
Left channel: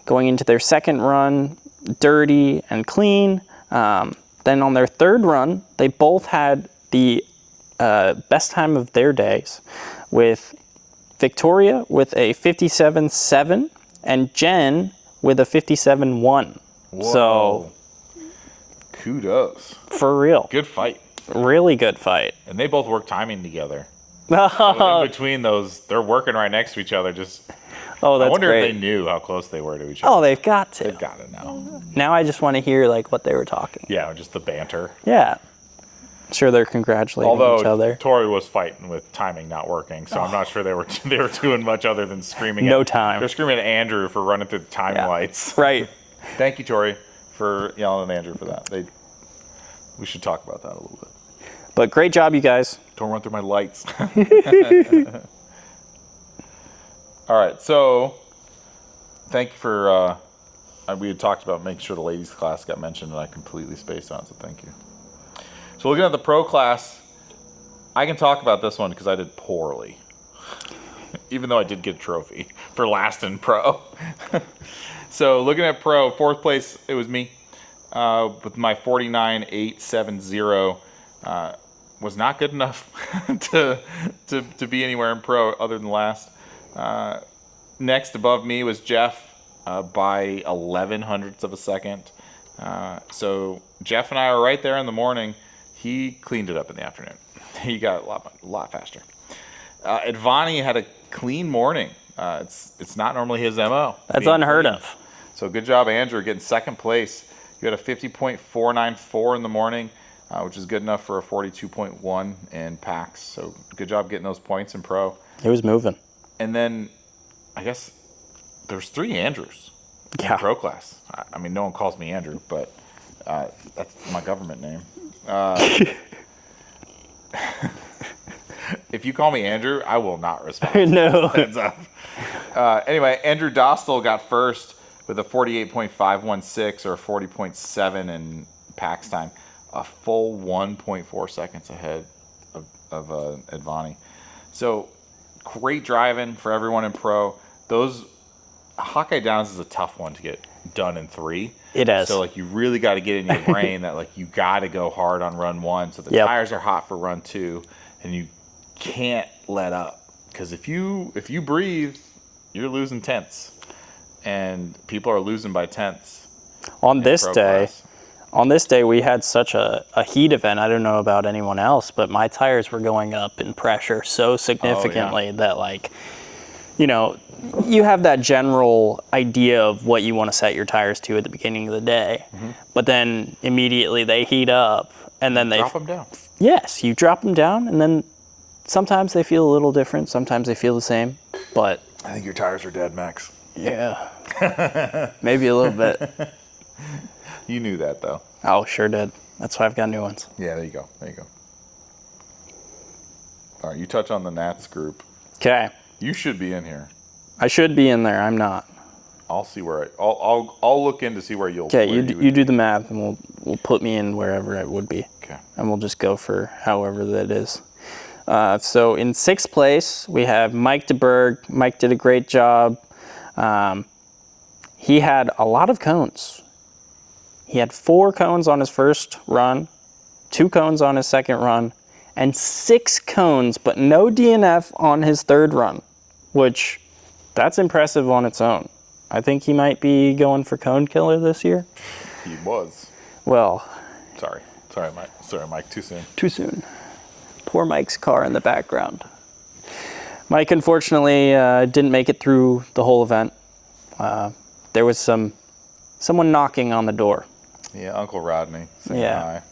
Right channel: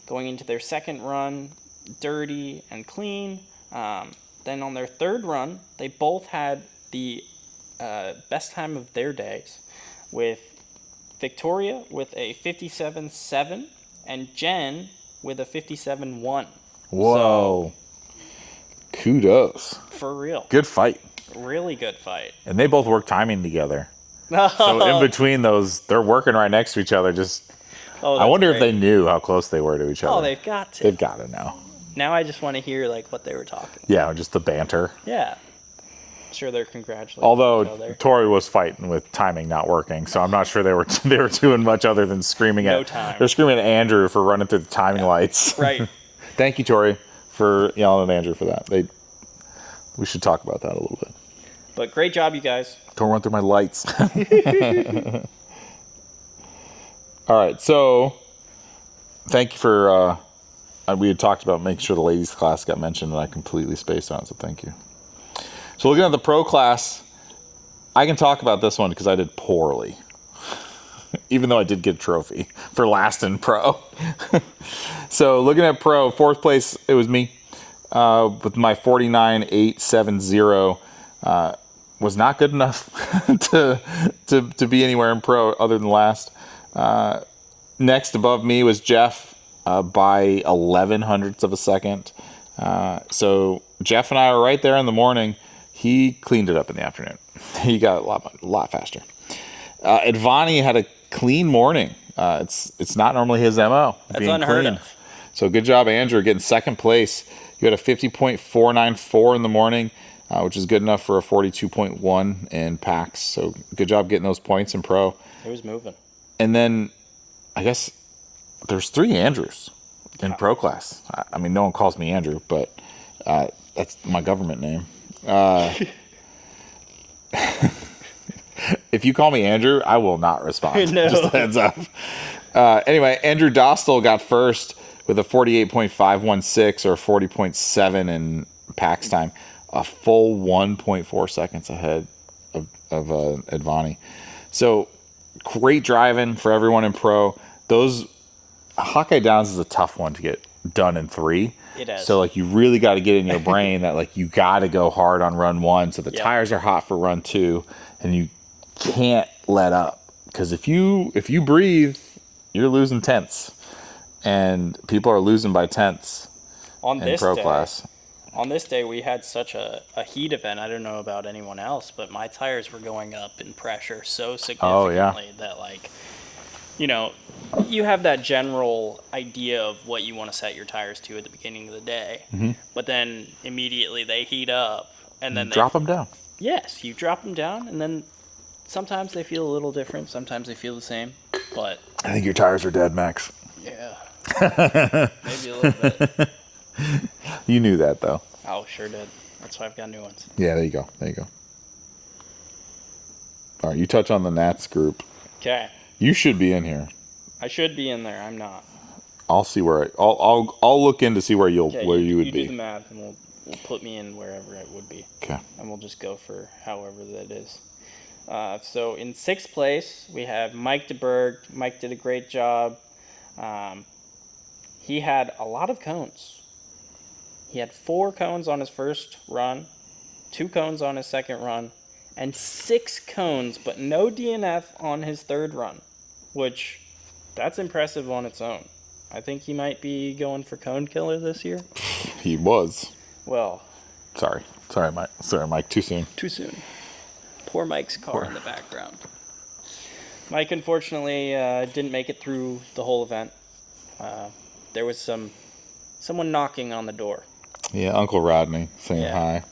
Going into their second run, dirty and clean. Then on their third run, they both had the best time of their days, with Victoria with a 57.7 and Jen with a 57.1. Whoa. So, kudos. For real. Good fight. Really good fight. And they both work timing together. So in between those, they're working right next to each other. I wonder if they knew how close they were to each other. Oh, they've got to. They've got to know. Now I just want to hear what they were talking. Yeah, just the banter. Yeah. Sure, they're congratulating each other. Although Tori was fighting with timing not working, so I'm not sure they were doing much other than screaming time. They're screaming at Andrew for running through the timing lights. Right. Thank you, Tori, for yelling at Andrew for that. We should talk about that a little bit. But great job, you guys. Don't run through my lights. All right, so thank you for. We had talked about making sure the ladies' class got mentioned, and I completely spaced on it, so thank you. So looking at the pro class, I can talk about this one because I did poorly, even though I did get a trophy for last in pro. So looking at pro, fourth place, it was me with my 49.870. Was not good enough to be anywhere in pro other than last. Next above me was Jeff by 11 hundredths of a second. So Jeff and I are right there in the morning. He cleaned it up in the afternoon. He got a lot faster. Advani had a clean morning. It's not normally his MO. That's unheard of. So good job, Andrew, getting second place. You had a 50.494 in the morning, which is good enough for a 42.1 in packs. So good job getting those points in pro. It was moving. And then I guess there's 3 Andrews in pro class. I mean, no one calls me Andrew, but that's my government name. If you call me Andrew, I will not respond. No. Just a heads up. Anyway, Andrew Dostal got first with a 48.516 or 40.7 in PAX time, a full 1.4 seconds ahead of Advani. So great driving for everyone in pro. Those Hawkeye Downs is a tough one to get done in 3. It is. So like you really got to get in your brain that like you got to go hard on run 1, so the tires are hot for run 2, and you can't let up, because if you breathe, you're losing tenths, and people are losing by tenths. On this day, we had such a heat event. I don't know about anyone else, but my tires were going up in pressure so significantly that, like, you know, you have that general idea of what you want to set your tires to at the beginning of the day, but then immediately they heat up, and then they drop them down. Yes, you drop them down, and then sometimes they feel a little different. Sometimes they feel the same, but I think your tires are dead, Max. Yeah, maybe a little bit. You knew that, though. Oh, sure did. That's why I've got new ones. Yeah, there you go. There you go. All right, you touch on the Nats group. Okay. You should be in here. I should be in there. I'm not. I'll see where I'll look in to see where you'll. Okay, where you do the math, and we'll put me in wherever it would be. Okay. And we'll just go for however that is. So in 6th place, we have Mike DeBerg. Mike did a great job. He had a lot of cones. He had 4 cones on his first run, 2 cones on his second run, and 6 cones, but no DNF on his third run, which that's impressive on its own. I think he might be going for cone killer this year. He was. Well. Sorry, Mike. Too soon. Too soon. Poor Mike's car in the background. Mike, unfortunately, didn't make it through the whole event. There was someone knocking on the door. Yeah, Uncle Rodney saying hi.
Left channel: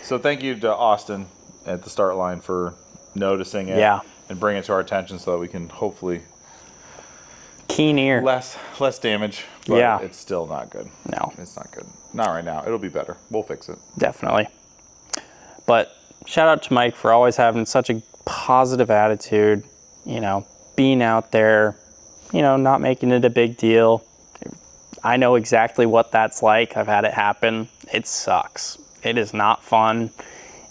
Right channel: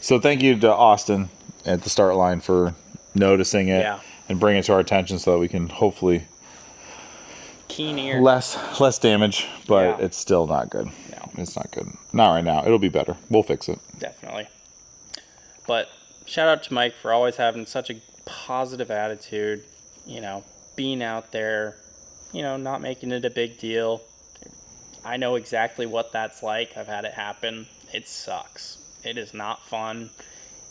So thank you to Austin at the start line for noticing it and bringing it to our attention so that we can hopefully keen ear. Less damage, but it's still not good. No. It's not good. Not right now. It'll be better. We'll fix it. Definitely. But shout out to Mike for always having such a positive attitude, you know, being out there, you know, not making it a big deal. I know exactly what that's like. I've had it happen. It sucks. It is not fun.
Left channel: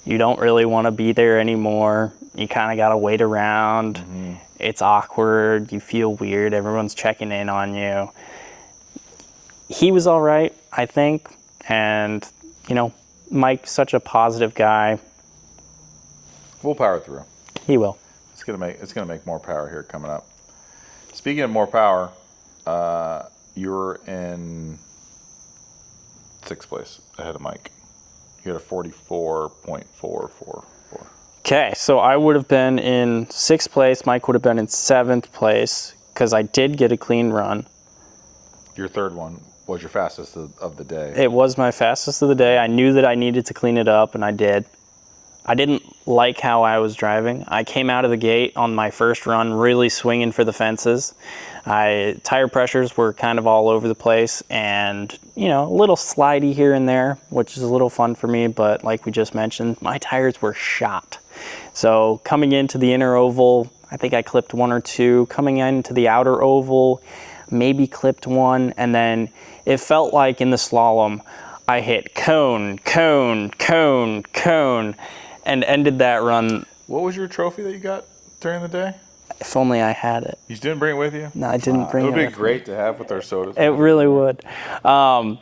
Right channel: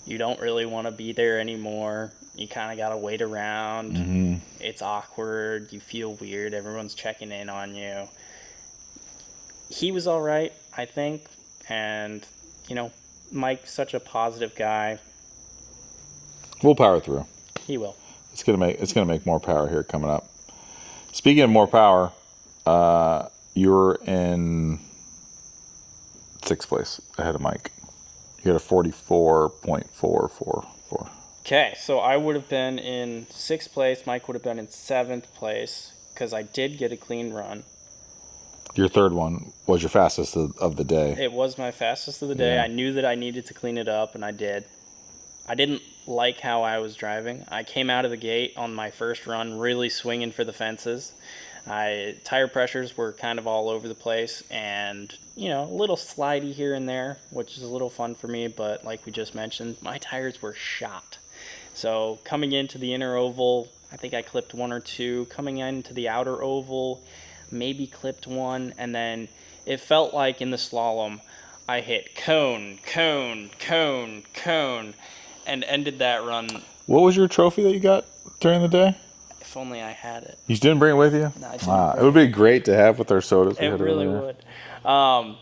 You don't really want to be there anymore. You kind of got to wait around. Mm-hmm. It's awkward. You feel weird. Everyone's checking in on you. He was all right, I think. And, you know, Mike's such a positive guy. We'll power through. He will. It's gonna make more power here coming up. Speaking of more power, you're in 6th place ahead of Mike. You had a 44.444. Okay, so I would have been in 6th place. Mike would have been in 7th place because I did get a clean run. Your third one was your fastest of the day. It was my fastest of the day. I knew that I needed to clean it up, and I did. I didn't like how I was driving. I came out of the gate on my first run really swinging for the fences. Tire pressures were kind of all over the place, and, you know, a little slidey here and there, which is a little fun for me, but like we just mentioned, my tires were shot. So coming into the inner oval, I think I clipped 1 or 2. Coming into the outer oval, maybe clipped 1, and then it felt like in the slalom, I hit cone, and ended that run. What was your trophy that you got during the day? If only I had it. You didn't bring it with you? No, I didn't bring it. It would be great to have with our sodas. It really would. But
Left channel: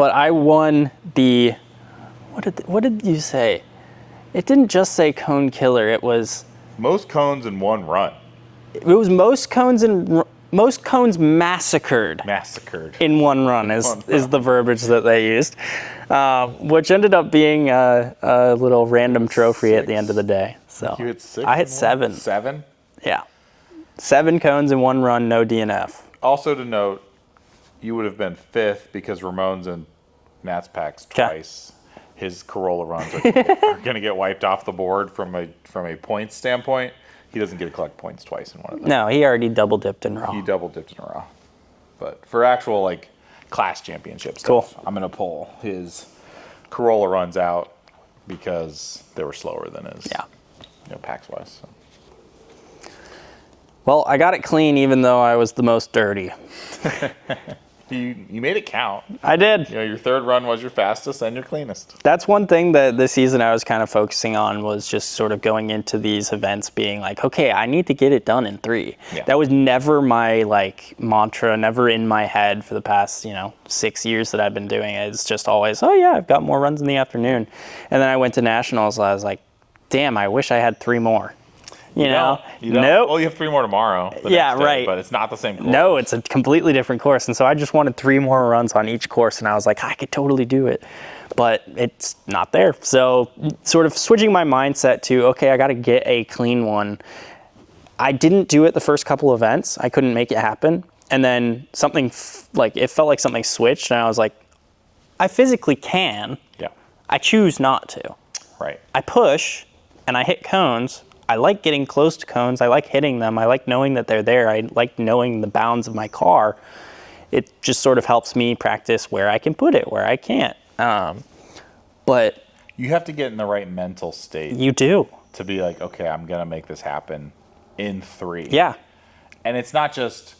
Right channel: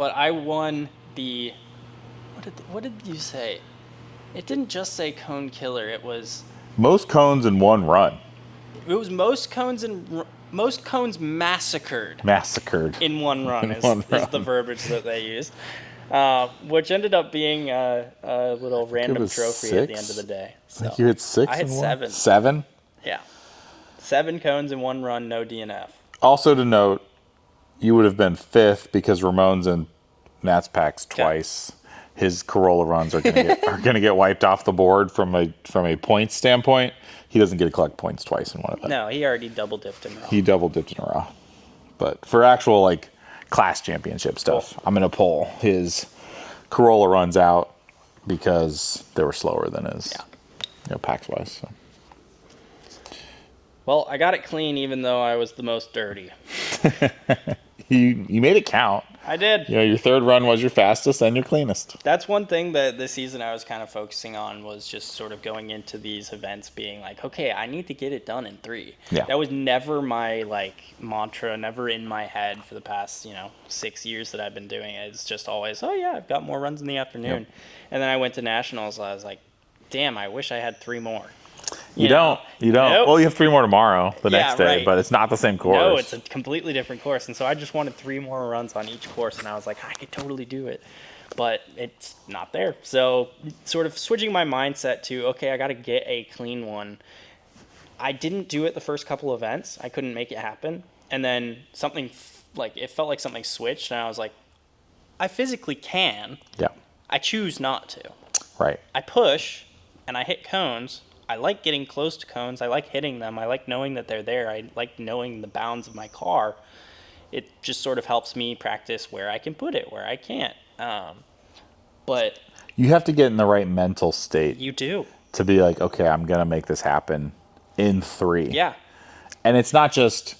I won the, what did you say? It didn't just say cone killer. It was most cones in one run. It was most cones massacred. Massacred in one run is the verbiage that they used, which ended up being a little random trophy 6? At the end of the day. So you hit 6. I hit 7. 7. Yeah, 7 cones in one run, no DNF. Also to note, you would have been 5th because Ramon's in Nats packs twice. His Corolla runs are going to get wiped off the board from a points standpoint. He doesn't get to collect points twice in one of them. No, he already double dipped in raw. He double dipped in raw. But for actual like class championship stuff, I'm going to pull his Corolla runs out because they were slower than his. Yeah. You know, packs wise. So. Well, I got it clean even though I was the most dirty. You made it count. I did. Yeah, your third run was your fastest and your cleanest. That's one thing that this season I was kind of focusing on, was just sort of going into these events being like, okay, I need to get it done in 3. Yeah. That was never my mantra, never in my head for the past 6 years that I've been doing it. It's just always, oh yeah, I've got more runs in the afternoon. And then I went to nationals. I was like, damn, I wish I had 3 more. You don't. Nope. Well, you have 3 more tomorrow, the next day, right. But it's not the same course. No, it's a completely different course. And so I just wanted 3 more runs on each course, and I was like, I could totally do it. But it's not there. So sort of switching my mindset to, okay, I got to get a clean one. I didn't do it the first couple events. I couldn't make it happen. And then something, it felt like something switched, and I was like, I physically can. Yeah. I choose not to. Right. I push, and I hit cones. I like getting close to cones. I like hitting them. I like knowing that they're there. I like knowing the bounds of my car. It just sort of helps me practice where I can put it, where I can't. But you have to get in the right mental state. You do. To be like, okay, I'm going to make this happen in 3. Yeah. And it's not just,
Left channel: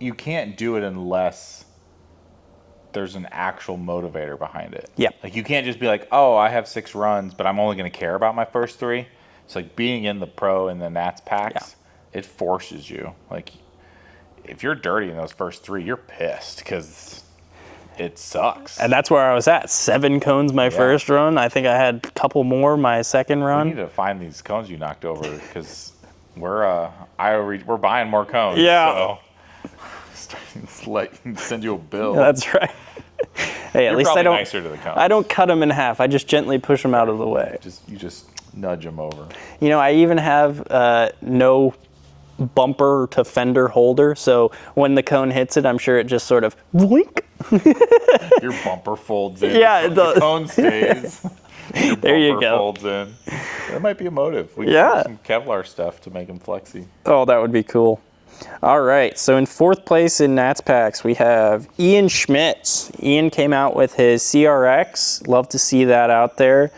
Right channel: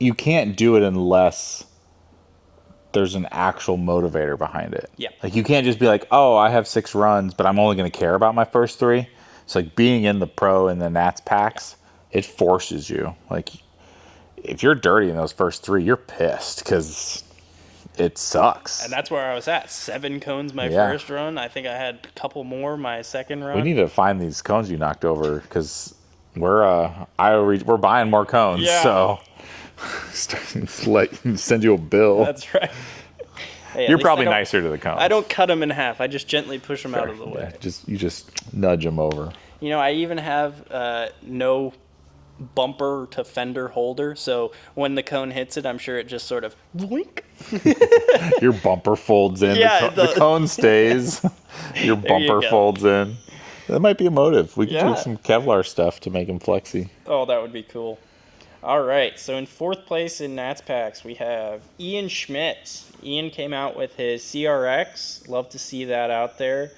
you can't do it unless there's an actual motivator behind it. Yeah. Like, you can't just be like, oh, I have 6 runs, but I'm only going to care about my first 3. So like being in the pro and the Nats packs, it forces you. Like, if you're dirty in those first 3, you're pissed because it sucks. And that's where I was at. 7 cones my first run. I think I had a couple more my second run. We need to find these cones you knocked over, because we're we're buying more cones. Yeah. So send you a bill. That's right. Hey, you're probably nicer to the cones. I don't cut them in half. I just gently push them out of the way. You just nudge them over. I even have no bumper to fender holder, so when the cone hits it, I'm sure it just sort of boink. Your bumper folds in. Yeah, the cone stays. Your bumper folds in. That might be a motive. We could do some Kevlar stuff to make them flexy. Oh, that would be cool. All right, so in 4th place in Nats Packs, we have Ian Schmitz. Ian came out with his CRX. Love to see that out there.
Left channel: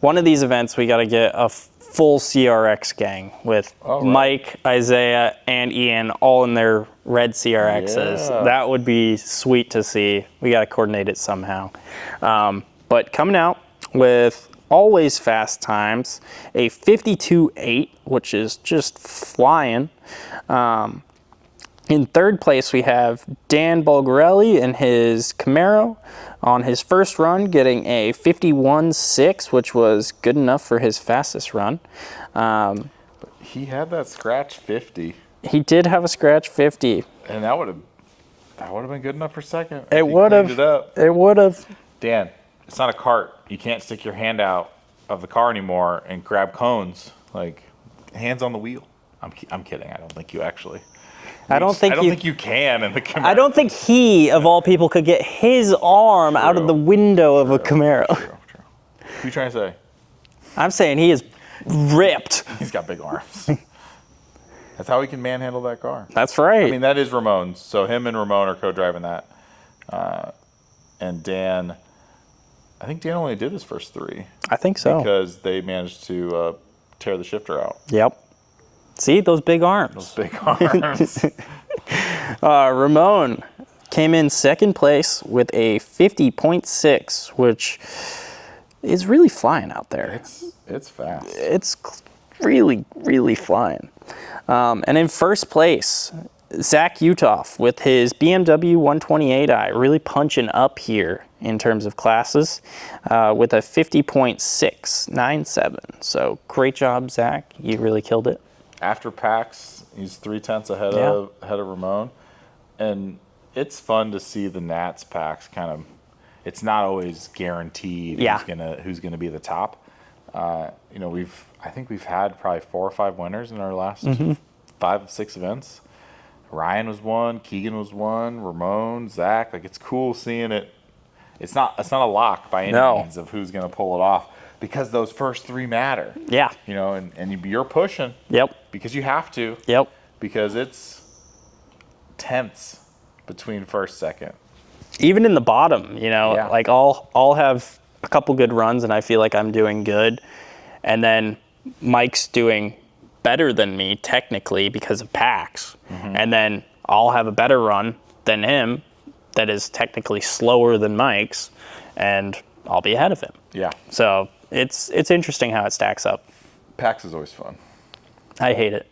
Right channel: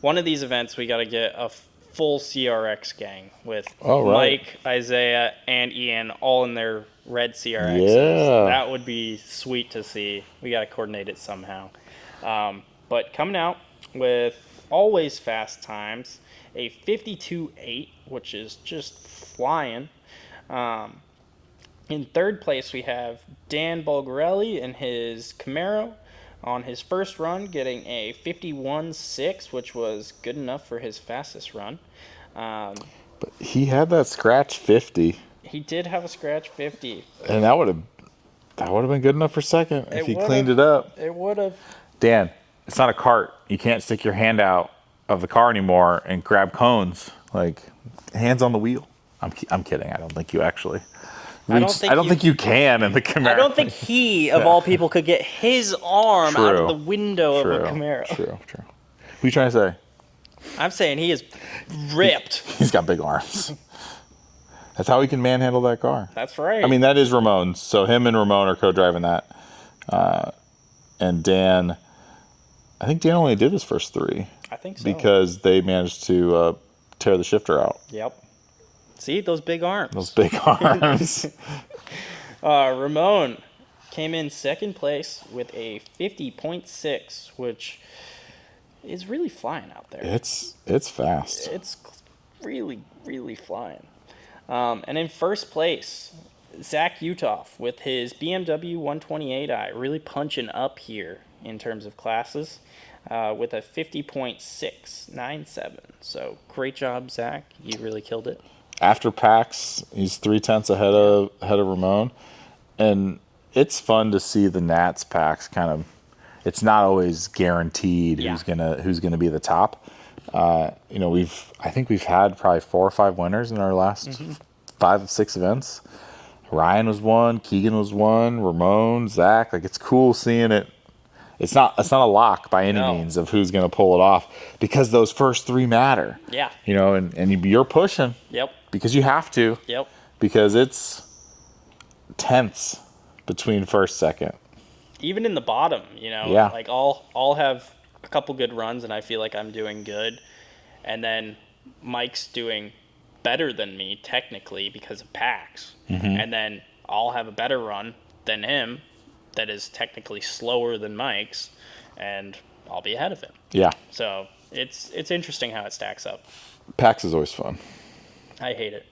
One of these events, we got to get a full CRX gang with Mike, Isaiah, and Ian all in their red CRXs. Yeah. That would be sweet to see. We got to coordinate it somehow. But coming out with always fast times, a 52.8, which is just flying. In 3rd place, we have Dan Bulgarelli and his Camaro on his first run, getting a 51.6, which was good enough for his fastest run. But he had that scratch 50. He did have a scratch 50. And that would have been good enough for second. It would have. Cleaned it up. It would have. Dan, it's not a cart. You can't stick your hand out of the car anymore and grab cones. Like, hands on the wheel. I'm kidding. I don't think you actually. I don't think you can in the Camaro. I don't think he, of all people, could get his arm out of the window of a Camaro. True. Who are you trying to say? I'm saying he is ripped. He's got big arms. That's how he can manhandle that car. That's right. I mean, that is Ramon's. So him and Ramon are co-driving that. And Dan, I think Dan only did his first 3. I think so. Because they managed to tear the shifter out. Yep. See, those big arms. Those big arms. Ramon came in 2nd place with a 50.6, which is really flying out there. It's fast. It's really, really flying. And in 1st place, Zach Utoff with his BMW 128i, really punching up here in terms of classes, with a 50.697. So great job, Zach. You really killed it. After PAX, he's 0.3 ahead of Ramon, and it's fun to see the Nats PAX kind of. It's not always guaranteed who's gonna be the top. I think we've had probably 4 or 5 winners in our last 5 of 6 events. Ryan was one, Keegan was one, Ramon, Zach. Like, it's cool seeing it. It's not a lock by any means of who's going to pull it off, because those first 3 matter. Yeah. And you're pushing. Yep. Because you have to. Yep. Because it's tenths between first, second. Even in the bottom, like I'll have a couple good runs and I feel like I'm doing good, and then Mike's doing better than me technically because of packs, and then I'll have a better run than him that is technically slower than Mike's, and I'll be ahead of him. Yeah. So it's interesting how it stacks up. PAX is always fun. I hate it.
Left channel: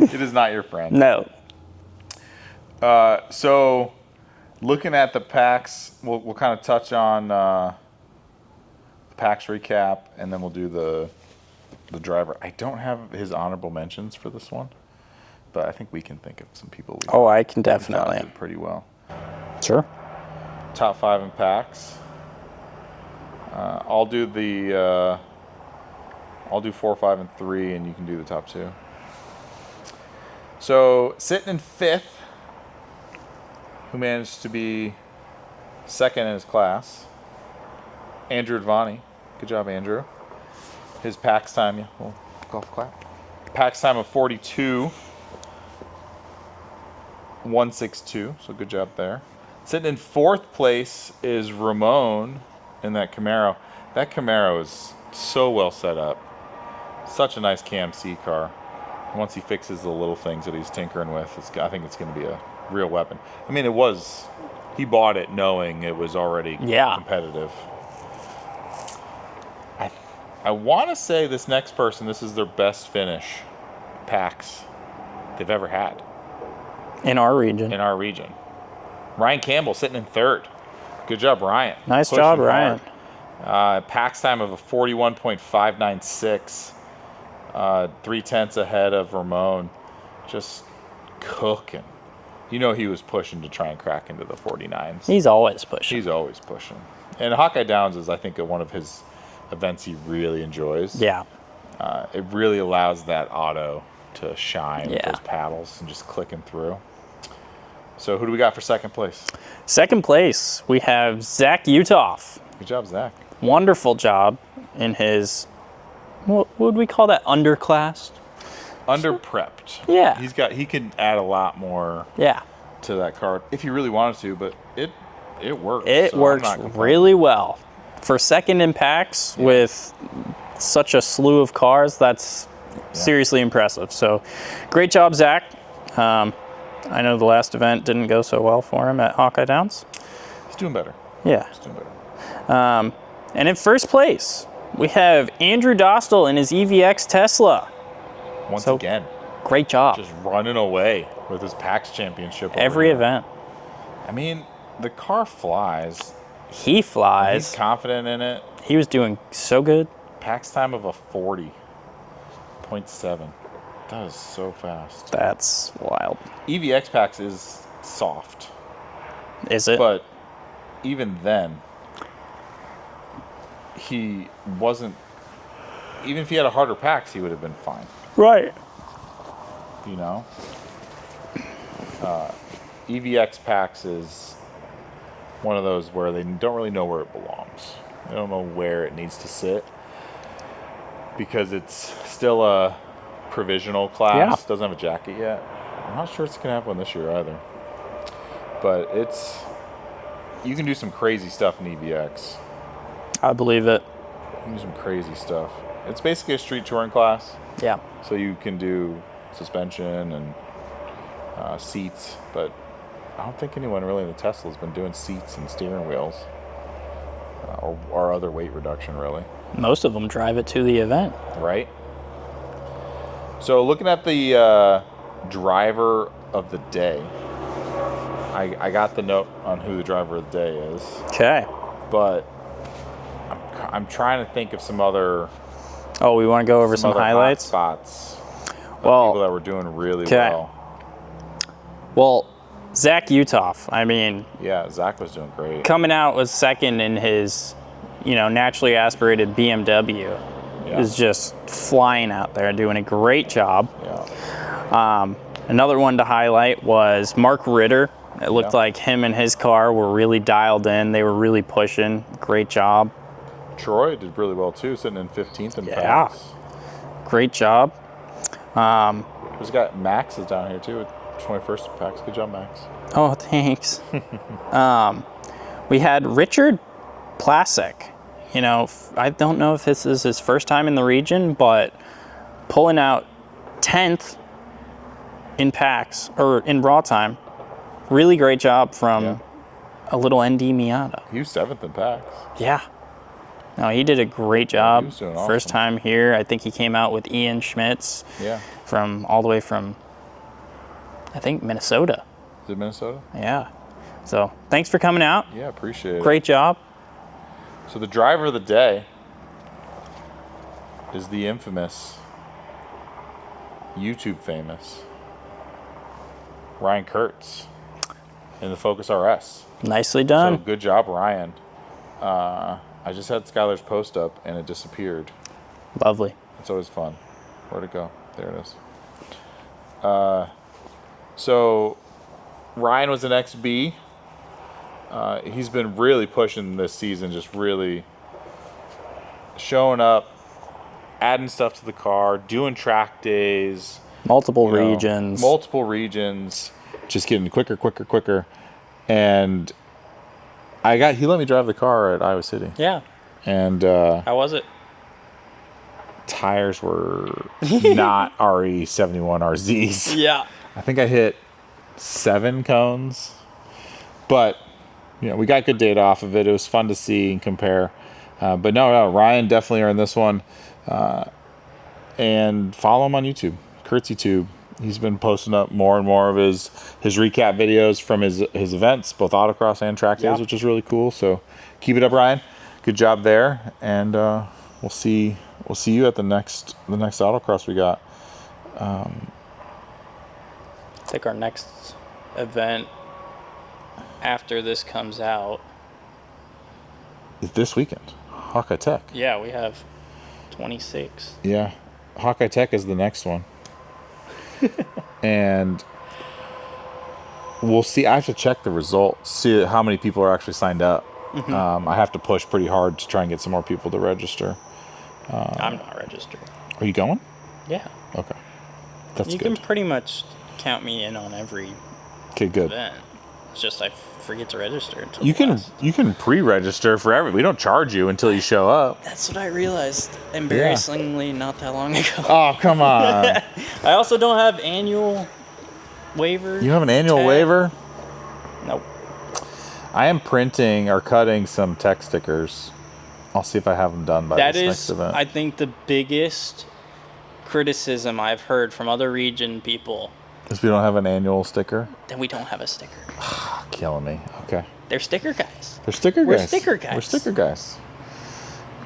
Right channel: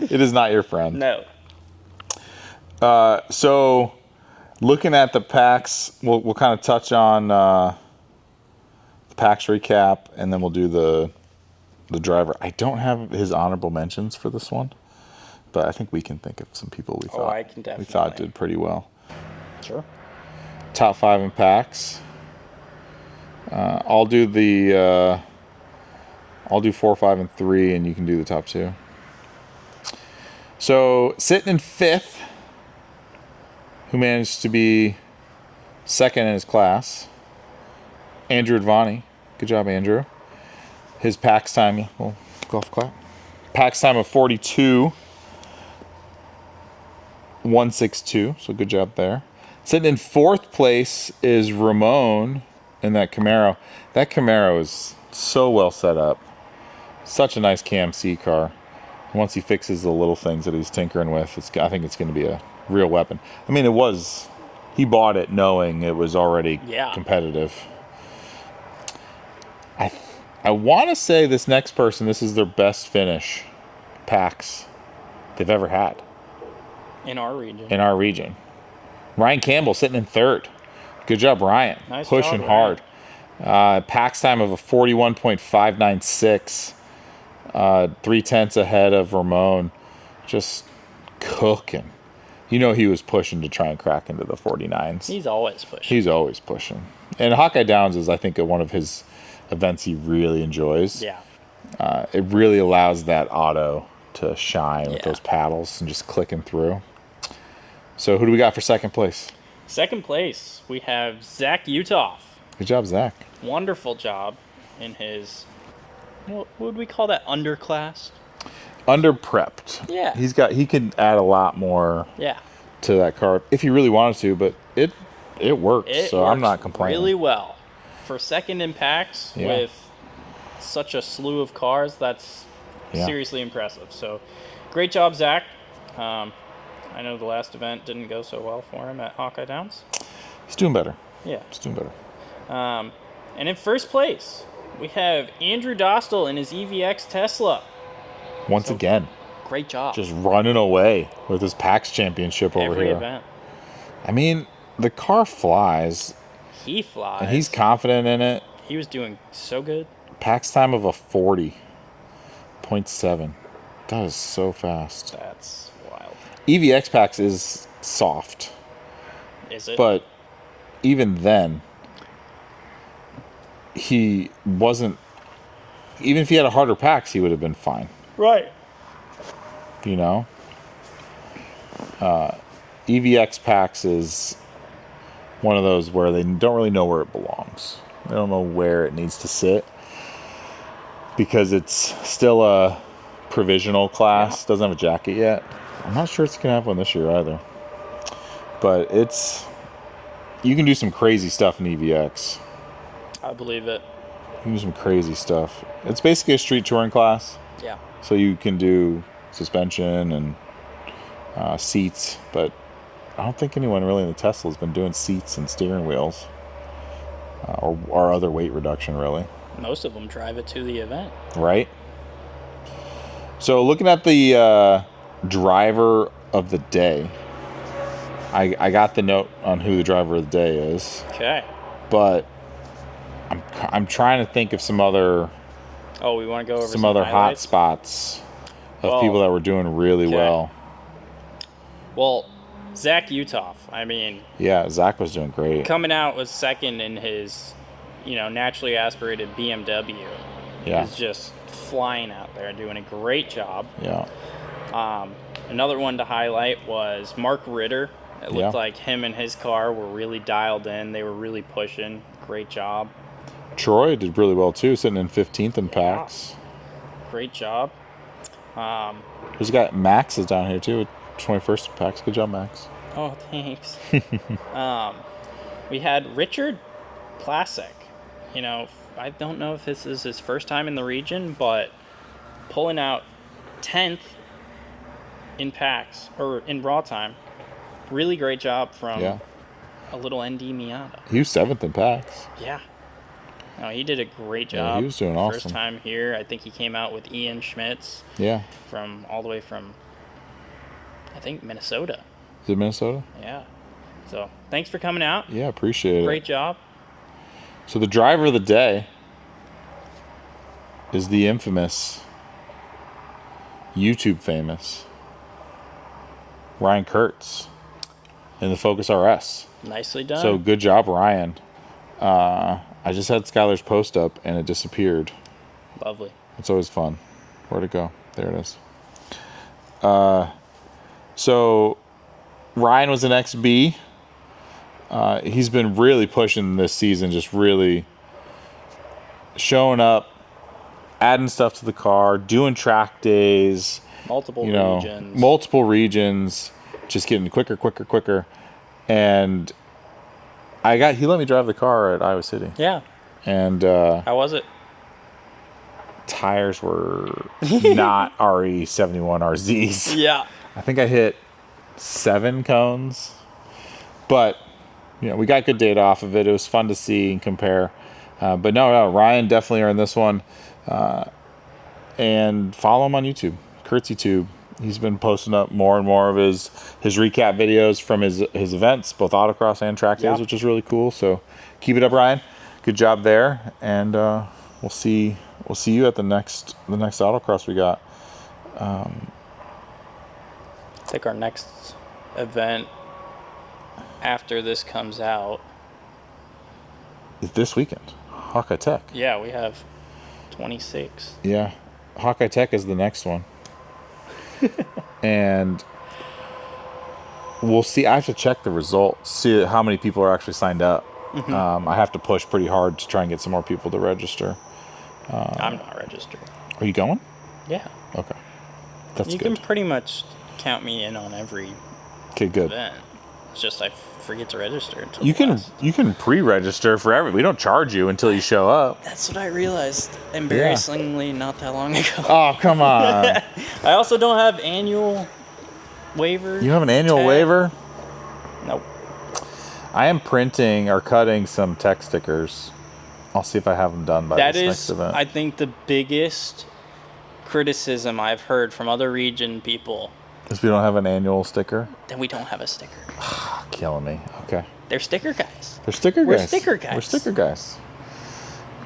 It is not your friend. No. So looking at the PAX, we'll kind of touch on the PAX recap, and then we'll do the driver. I don't have his honorable mentions for this one, but I think we can think of some people we thought, I can definitely. did pretty well. Sure. Top 5 in PAX. I'll do 4, 5, and 3, and you can do the top 2. So sitting in 5th, who managed to be 2nd in his class, Andrew Advani. Good job, Andrew. His PAX time, well, golf clap. PAX time of 42.162, so good job there. Sitting in 4th place is Ramon in that Camaro. That Camaro is so well set up. Such a nice Cam C car. Once he fixes the little things that he's tinkering with, I think it's going to be a real weapon. I mean, he bought it knowing it was already competitive. I want to say this next person, this is their best finish PAX they've ever had. In our region. Ryan Campbell sitting in 3rd. Good job, Ryan. Nice job, Ryan. PAX time of a 41.596. 3/10 ahead of Ramon. Just cooking. You know he was pushing to try and crack into the 49s. He's always pushing. And Hawkeye Downs is, I think, one of his events he really enjoys. Yeah. It really allows that auto to shine with those paddles and just clicking through. So who do we got for 2nd place? 2nd place, we have Zach Utoff. Good job, Zach. Wonderful job in his, what would we call that, underclass? Under-prepped. Yeah. He could add a lot more to that car if he really wanted to, but it works. It works I'm not really well. For 2nd in PAX with such a slew of cars, that's seriously impressive. So great job, Zach. I know the last event didn't go so well for him at Hawkeye Downs. He's doing better. Yeah. He's doing better. And in 1st place, we have Andrew Dostal in his EVX Tesla. Once again. Great job. Just running away with his PAX championship over every here. event. I mean, the car flies. He flies. And he's confident in it. He was doing so good. PAX time of a 40.7. That is so fast. That's wild. EVX PAX is soft. Is it? But even then, he wasn't. Even if he had a harder PAX, he would have been fine. Right. You know? EVX PAX is one of those where they don't really know where it belongs. They don't know where it needs to sit because it's still a provisional class. Doesn't have a jacket yet. I'm not sure it's going to have one this year either. But you can do some crazy stuff in EVX. I believe it. You can do some crazy stuff. It's basically a street touring class. Yeah. So you can do suspension and seats, but I don't think anyone really in the Tesla has been doing seats and steering wheels or other weight reduction, really. Most of them drive it to the event. Right. So looking at the driver of the day, I got the note on who the driver of the day is. Okay. But I'm trying to think of some other. Oh, we want to go over some other highlights? hot spots of people that were doing really well. Well, Zach Utoff, I mean... Yeah, Zach was doing great. Coming out was 2nd in his, naturally aspirated BMW. Yeah. Is just flying out there, doing a great job. Yeah. Another one to highlight was Mark Ritter. It looked like him and his car were really dialed in. They were really pushing. Great job. Troy did really well too, sitting in 15th in PAX. Great job. There's a guy, Max is down here too, 21st in PAX. Good job, Max. Oh, thanks. We had Richard Plasek. I don't know if this is his first time in the region, but pulling out 10th in packs, or in raw time. Really great job from a little ND Miata. He was 7th in packs. Yeah. No, he did a great job. He was doing awesome. First time here. I think he came out with Ian Schmitz. Yeah. All the way from, I think, Minnesota. Is it Minnesota? Yeah. So thanks for coming out. Yeah, appreciate it. Great job. So the driver of the day is the infamous, YouTube famous Ryan Kurtz in the Focus RS. Nicely done. So good job, Ryan. I just had Skylar's post up and it disappeared. Lovely. It's always fun. Where'd it go? There it is. So Ryan was an XB. He's been really pushing this season, just really showing up, adding stuff to the car, doing track days. Multiple regions. Just getting quicker. And he let me drive the car at Iowa City. Yeah. And how was it? Tires were not RE71 RZs. Yeah. I think I hit 7 cones. But we got good data off of it. It was fun to see and compare. But no, Ryan definitely earned this one. And follow him on YouTube, KurtzyTube. He's been posting up more and more of his recap videos from his events, both autocross and track days, which is really cool. So keep it up, Ryan. Good job there, and we'll see you at the next autocross we got. I think our next event after this comes out is this weekend, Hawkeye Tech. Yeah, we have 26. Yeah, Hawkeye Tech is the next one. And we'll see. I have to check the results, see how many people are actually signed up. Mm-hmm. I have to push pretty hard to try and get some more people to register. I'm not registered. Are you going? Yeah. Okay. That's you good. You can pretty much count me in on every good event. It's just I forget to register until you can pre-register for we don't charge you until you show up. That's what I realized embarrassingly not that long ago. Oh, come on. I also don't have annual waiver. You have an annual waiver? Nope. I am printing or cutting some tech stickers. I'll see if I have them done by this next event. I think the biggest criticism I've heard from other region people. If we don't have an annual sticker? Then we don't have a sticker. Killing me. Okay. They're sticker guys. We're sticker guys.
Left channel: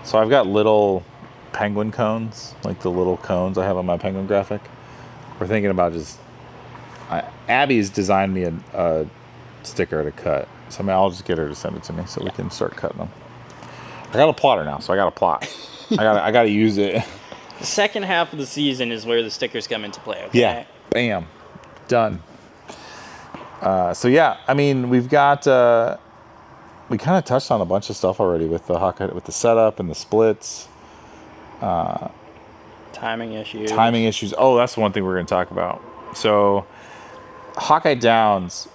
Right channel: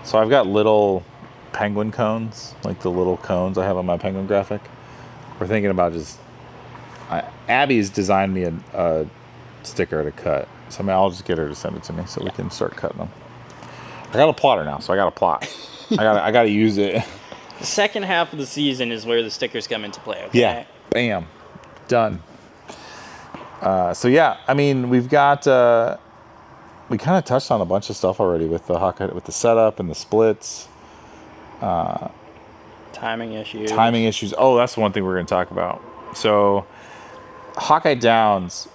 So I've got little penguin cones, like the little cones I have on my penguin graphic. We're thinking about Abby's designed me a sticker to cut. So I'll just get her to send it to me so we can start cutting them. I got a plotter now, so I got a plot. I got to use it. The second half of the season is where the stickers come into play, okay? Yeah. Bam. Done. So yeah, I mean, we've got we kind of touched on a bunch of stuff already with the setup and the splits. Timing issues. Oh, that's one thing we're going to talk about. So Hawkeye Downs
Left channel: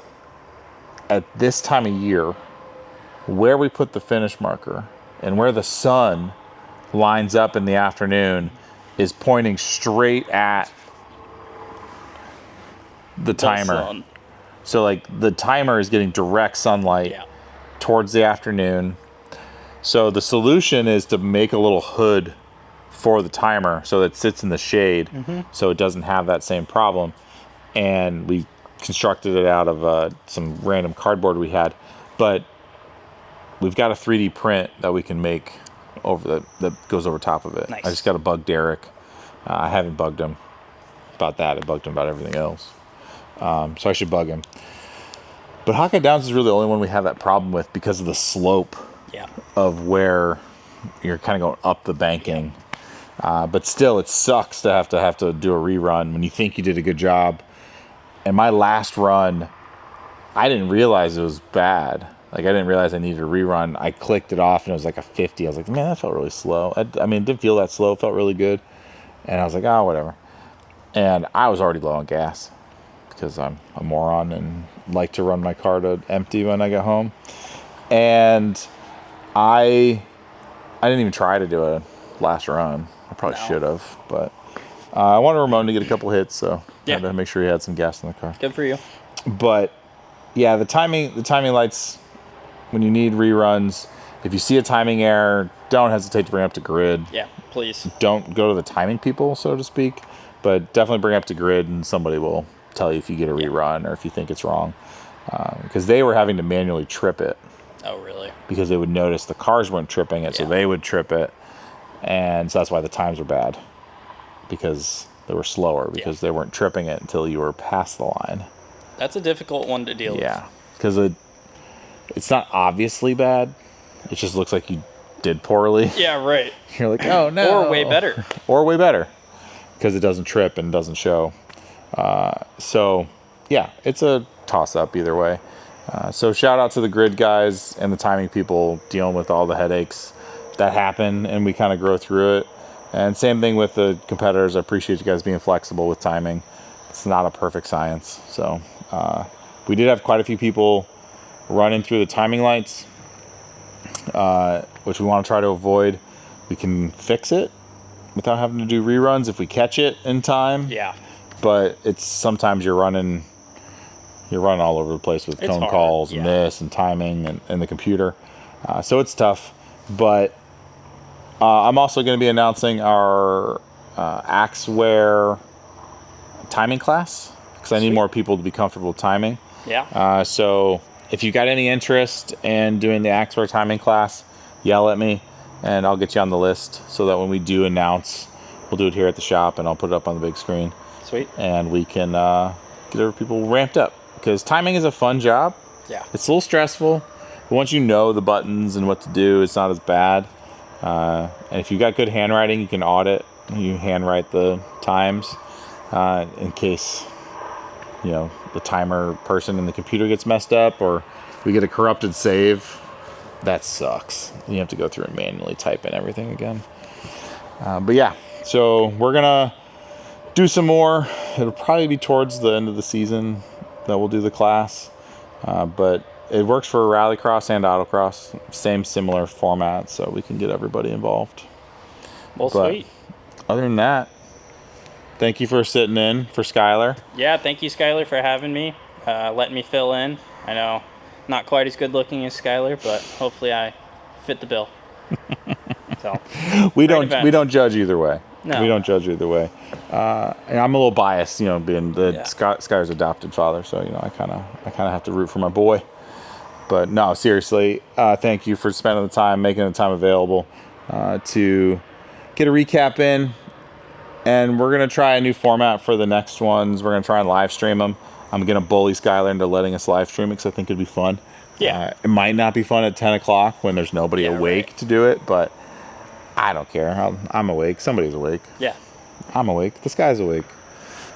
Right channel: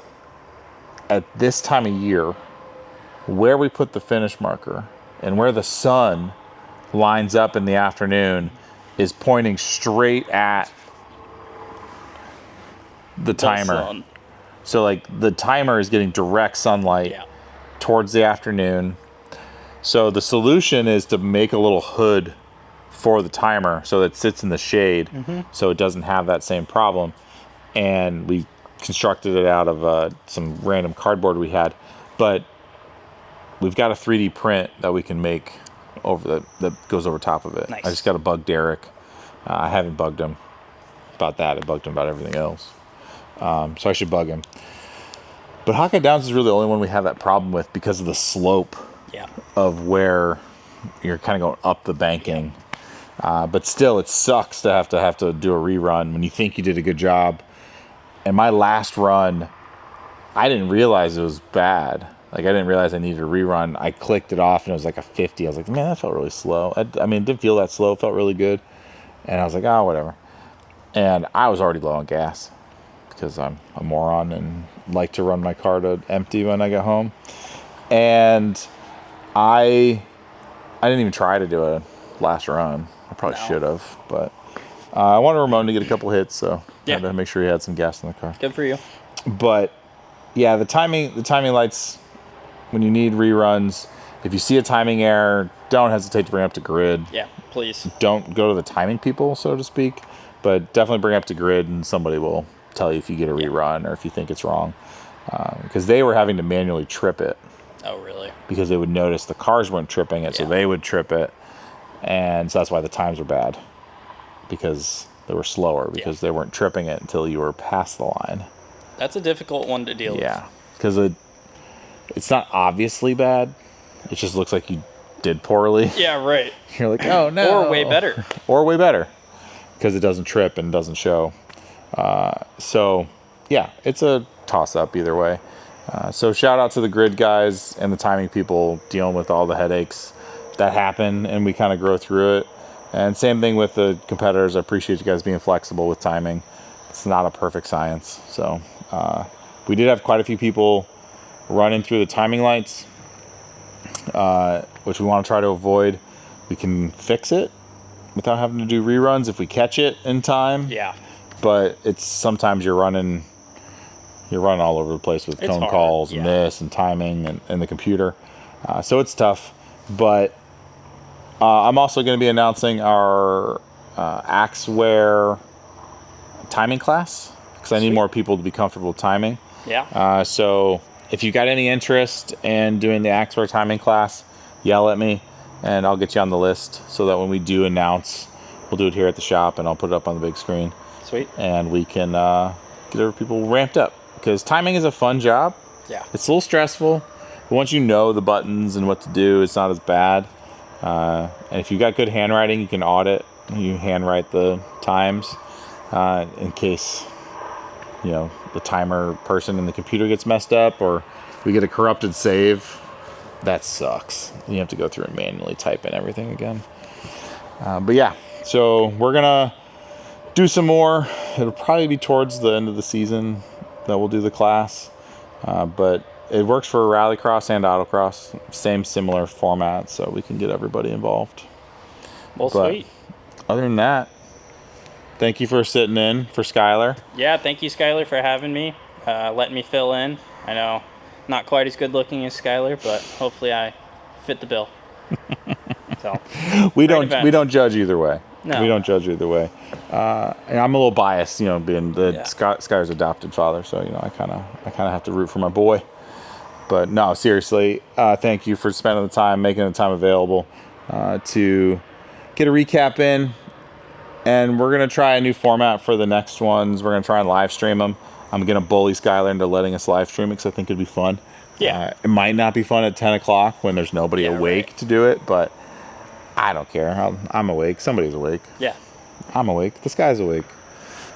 at this time of year, where we put the finish marker and where the sun lines up in the afternoon is pointing straight at the timer. So like the timer is getting direct sunlight towards the afternoon. So the solution is to make a little hood for the timer so that it sits in the shade, so it doesn't have that same problem. And we constructed it out of some random cardboard we had, but we've got a 3D print that we can make that goes over top of it. Nice. I just got to bug Derek. I haven't bugged him about that. I bugged him about everything else. So I should bug him. But Hawkeye Downs is really the only one we have that problem with because of the slope of where you're kind of going up the banking. But still, it sucks to have to do a rerun when you think you did a good job. And my last run, I didn't realize it was bad. Like, I didn't realize I needed a rerun. I clicked it off, and it was like a 50. I was like, man, that felt really slow. I mean, it didn't feel that slow. It felt really good. And I was like, oh, whatever. And I was already low on gas because I'm a moron and like to run my car to empty when I get home. And I didn't even try to do a last run. I probably should have, but I wanted Ramon to get a couple hits, so Yeah. had to make sure he had some gas in the car. Good for you. But yeah, the timing lights, when you need reruns, if you see a timing error, don't hesitate to bring it up to grid. Yeah, please. Don't go to the timing people, so to speak, but definitely bring it up to grid, and somebody will tell you if you get a rerun or if you think it's wrong. Because they were having to manually trip it. Oh, really? Because they would notice the cars weren't tripping it, so they would trip it. And so that's why the times were bad. Because they were slower, because they weren't tripping it until you were past the line. That's a difficult one to deal with. Yeah, because it's not obviously bad. It just looks like you did poorly. Yeah, right. You're like, oh no. Or way better. Or way better. Because it doesn't trip and doesn't show. So, yeah, it's a toss-up either way. So shout out to the grid guys and the timing people dealing with all the headaches that happen, and we kind of grow through it. And same thing with the competitors. I appreciate you guys being flexible with timing. It's not a perfect science. So we did have quite a few people running through the timing lights, which we want to try to avoid. We can fix it without having to do reruns if we catch it in time. Yeah. But it's sometimes you're running all over the place with phone calls and this and timing and the computer. So it's tough. But I'm also going to be announcing our Axeware timing class, because I need more people to be comfortable with timing. Yeah. So if you got any interest in doing the Axeware timing class, yell at me and I'll get you on the list, so that when we do announce, we'll do it here at the shop and I'll put it up on the big screen. Sweet. And we can get other people ramped up, because timing is a fun job. Yeah. It's a little stressful, but once you know the buttons and what to do, it's not as bad. And if you got good handwriting, you can audit. You handwrite the times in case, the timer person in the computer gets messed up, or we get a corrupted save. That sucks. You have to go through and manually type in everything again. But yeah, so we're gonna do some more. It'll probably be towards the end of the season that we'll do the class. But it works for rallycross and autocross. Similar format, so we can get everybody involved. Well, sweet. Other than that, thank you for sitting in for Skylar. Yeah, thank you, Skylar, for having me, letting me fill in. I know, not quite as good looking as Skylar, but hopefully I fit the bill. So we don't judge either way. No. We don't judge either way. And I'm a little biased, being the Skylar's adopted father, so I kind of have to root for my boy. But no, seriously, thank you for spending the time, making the time available to get a recap in. And we're going to try a new format for the next ones. We're going to try and live stream them. I'm going to bully Skylar into letting us live stream it, because I think it'd be fun. Yeah. It might not be fun at 10 o'clock when there's nobody awake to do it, but I don't care. I'm awake. Somebody's awake. Yeah. I'm awake. This guy's awake.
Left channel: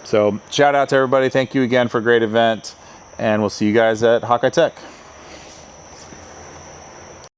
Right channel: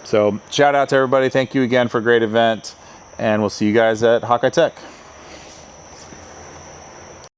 So shout out to everybody. Thank you again for a great event. And we'll see you guys at Hawkeye Tech.